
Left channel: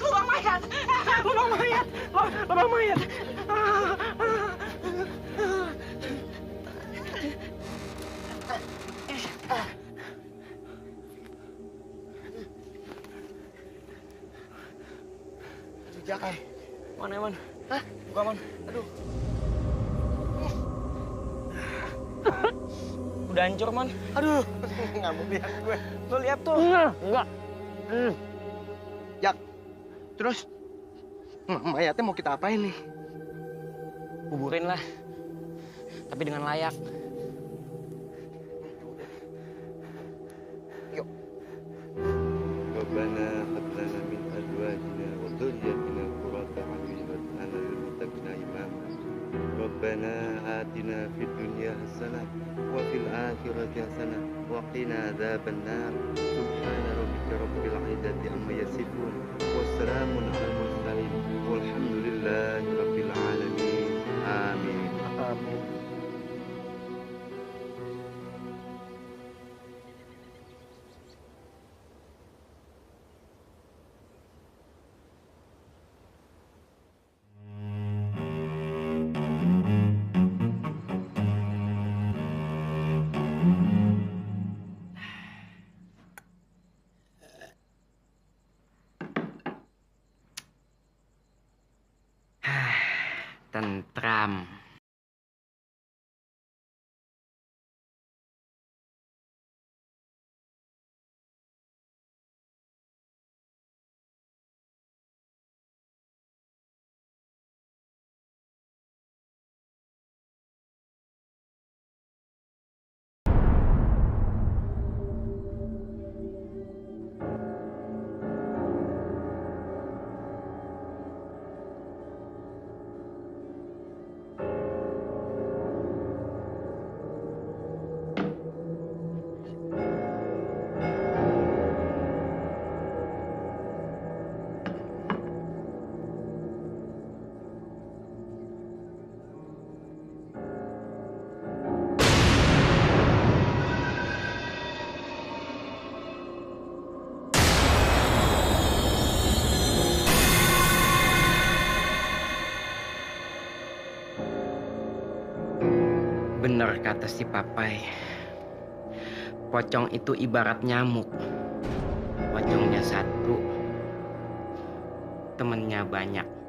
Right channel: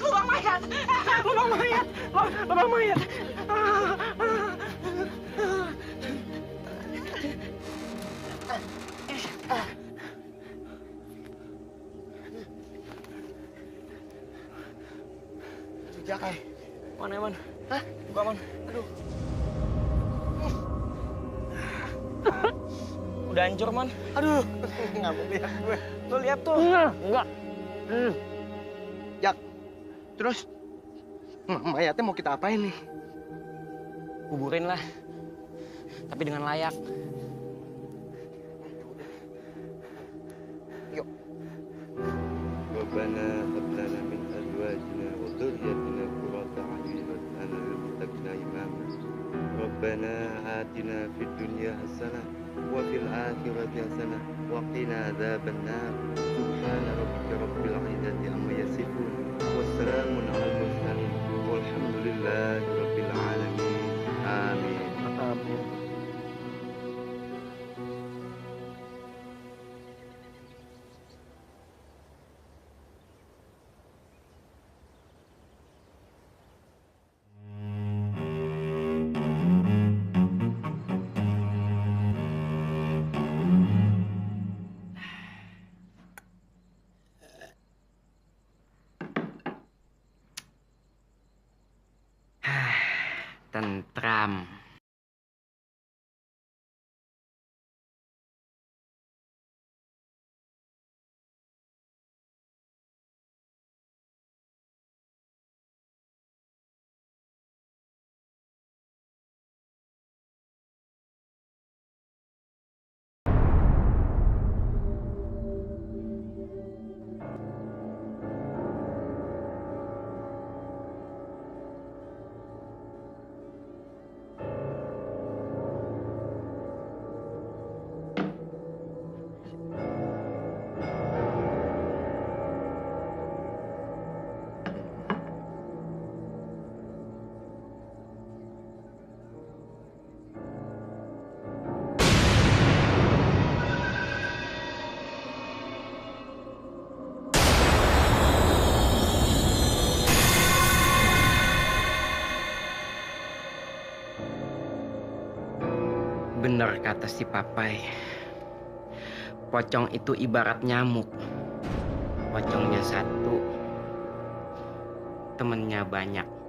Lubang mayat. Aduh, Jak. Mana, Mon? Hah? Buka, Mon. Aduh. Udah hancur, Mon. Aduh, nggak mau lihat gue. Lo lihat tuh. Enggak. Jak, terus mayatnya mau kita apain nih? Kuburin lah. Tapi dengan layak. Yuk. ربنا هب لنا من أزواجنا وذريتنا قرة أعين واجعلنا للمتقين إماما ربنا آتنا في الدنيا حسنة وفي الآخرة حسنة وقنا عذاب النار سبحان ربك رب العزة عما يصفون وسلام على المرسلين والحمد لله رب العالمين آمين Amin. Tentram. Bener kata si Papai. Pocong itu ibarat nyamuk. Pocongnya satu, temennya banyak.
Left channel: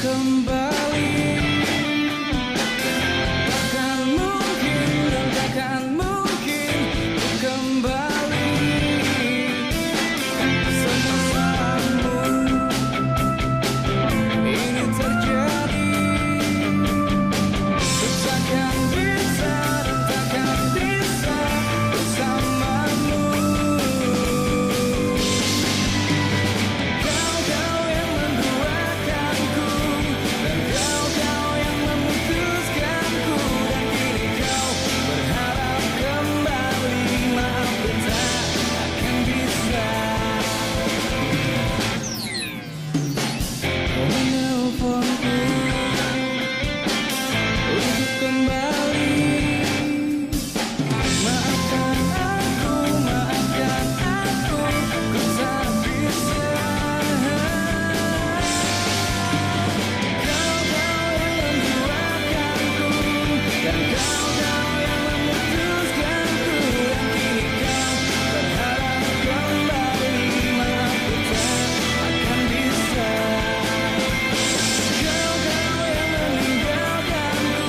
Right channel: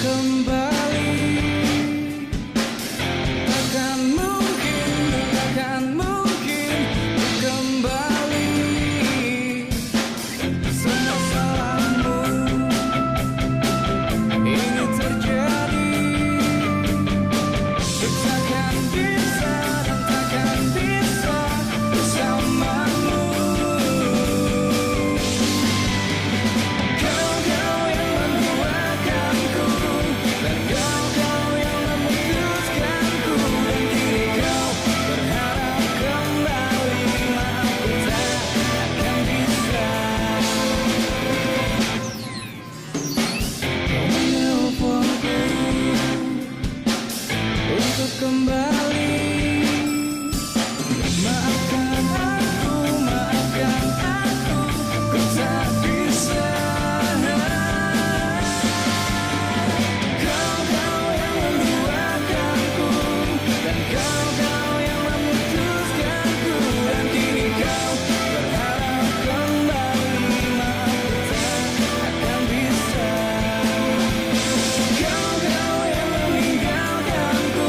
Kembali, takkan mungkin dan takkan mungkin ku kembali. Semua salahmu ini terjadi. Ku takkan bisa dan takkan bisa bersamamu. Dan kau yang memutuskanku. Dan kini kau berharap kembali. Maaf ku tak akan bisa. Kau menelponku untuk kembali. Maafkan aku, ku tak bisa. Dan kau yang memutuskanku. Dan kini kau berharap kembali. Maaf ku tak akan bisa. Kau yang meninggalkanku.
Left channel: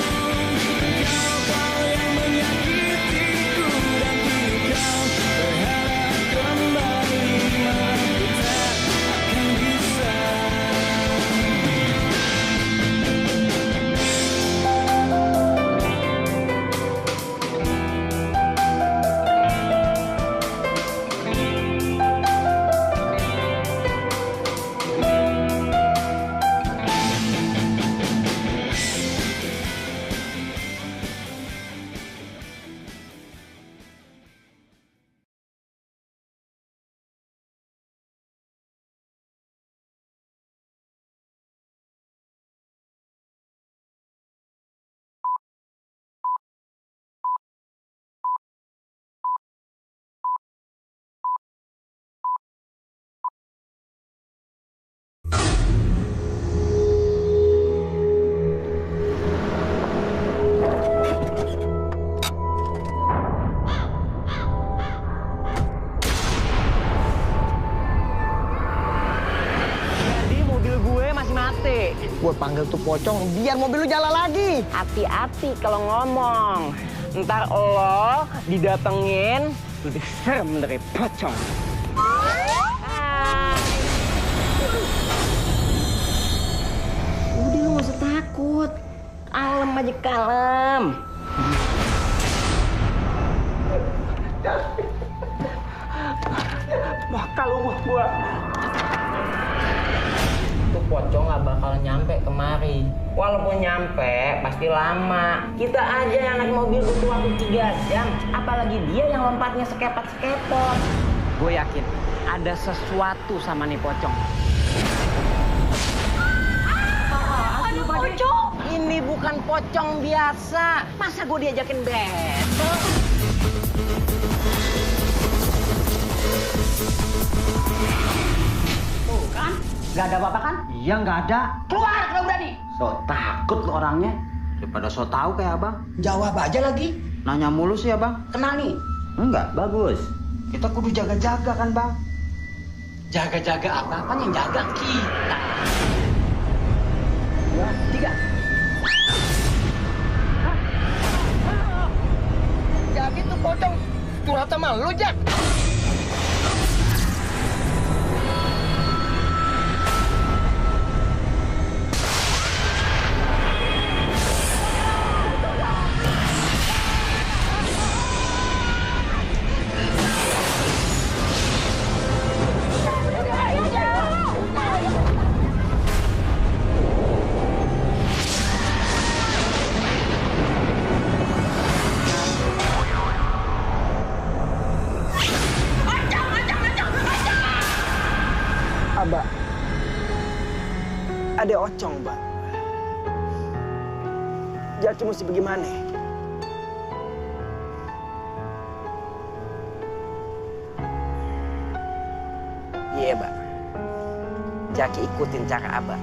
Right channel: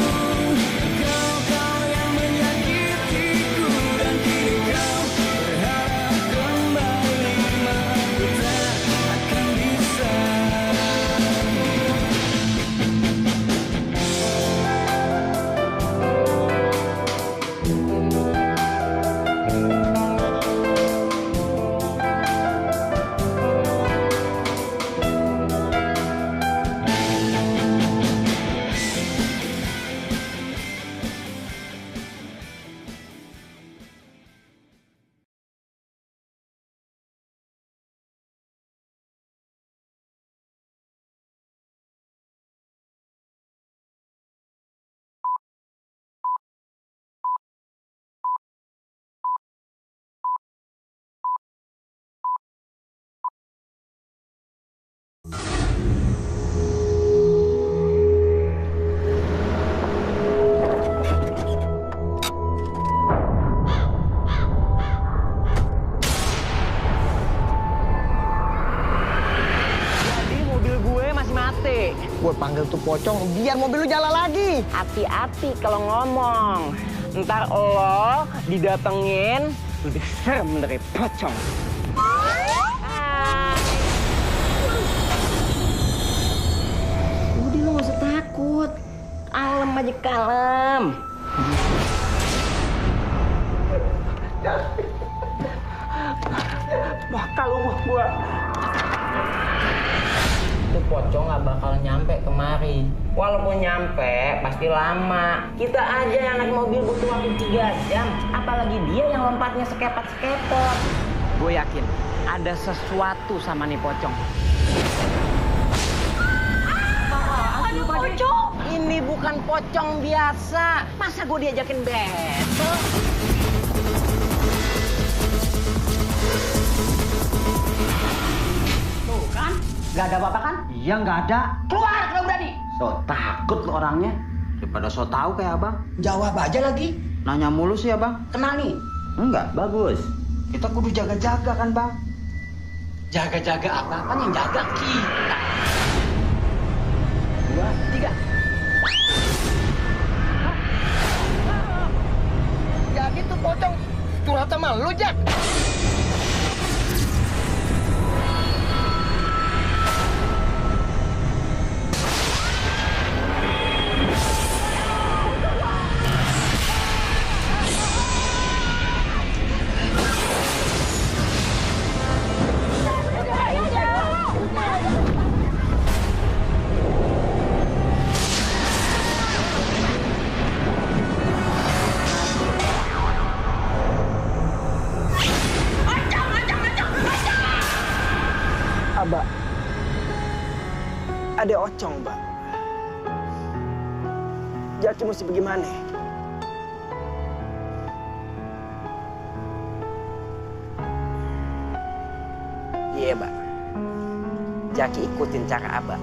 Dan kau yang menyakitiku. Dan kini kau berharap kembali. Maaf ku tak akan bisa. Gue panggil tuh pocong biar mobil lu jalan lagi. Hati-hati kalau ngomong. Ntar lo didatengin lebih serem dari pocong. Udah lu gak usah takut. Kalem aja, kalem. Bakal rumah gua. Tuh pocong nggak bakal nyampe kemari. Walaupun nyampe, pasti lama. Kita aja yang naik mobil butuh waktu 3 jam. Apalagi dia yang lompatnya sekepot-sekepot. Gue yakin ada sesuatu sama nih pocong. Aduh, pocong! Ini bukan pocong biasa. Masa gue diajakin battle? Tuh kan, nggak ada apa-apa kan? Iya nggak ada. Keluar kalau berani. So takut lo orangnya. Daripada so tahu kayak abang. Jawab aja lagi. Nanya mulu sih abang. Kenal nih. Enggak, bagus. Kita kudu jaga-jaga kan bang. Jaga-jaga apa-apa yang jaga kita. 2, 3. Jadi tuh pocong curhat sama lu, Jak. Abah, ada ocong, Mbak. Jaki mesti bagaimana? Iya, Mbak. Jaki ikutin cara Abah.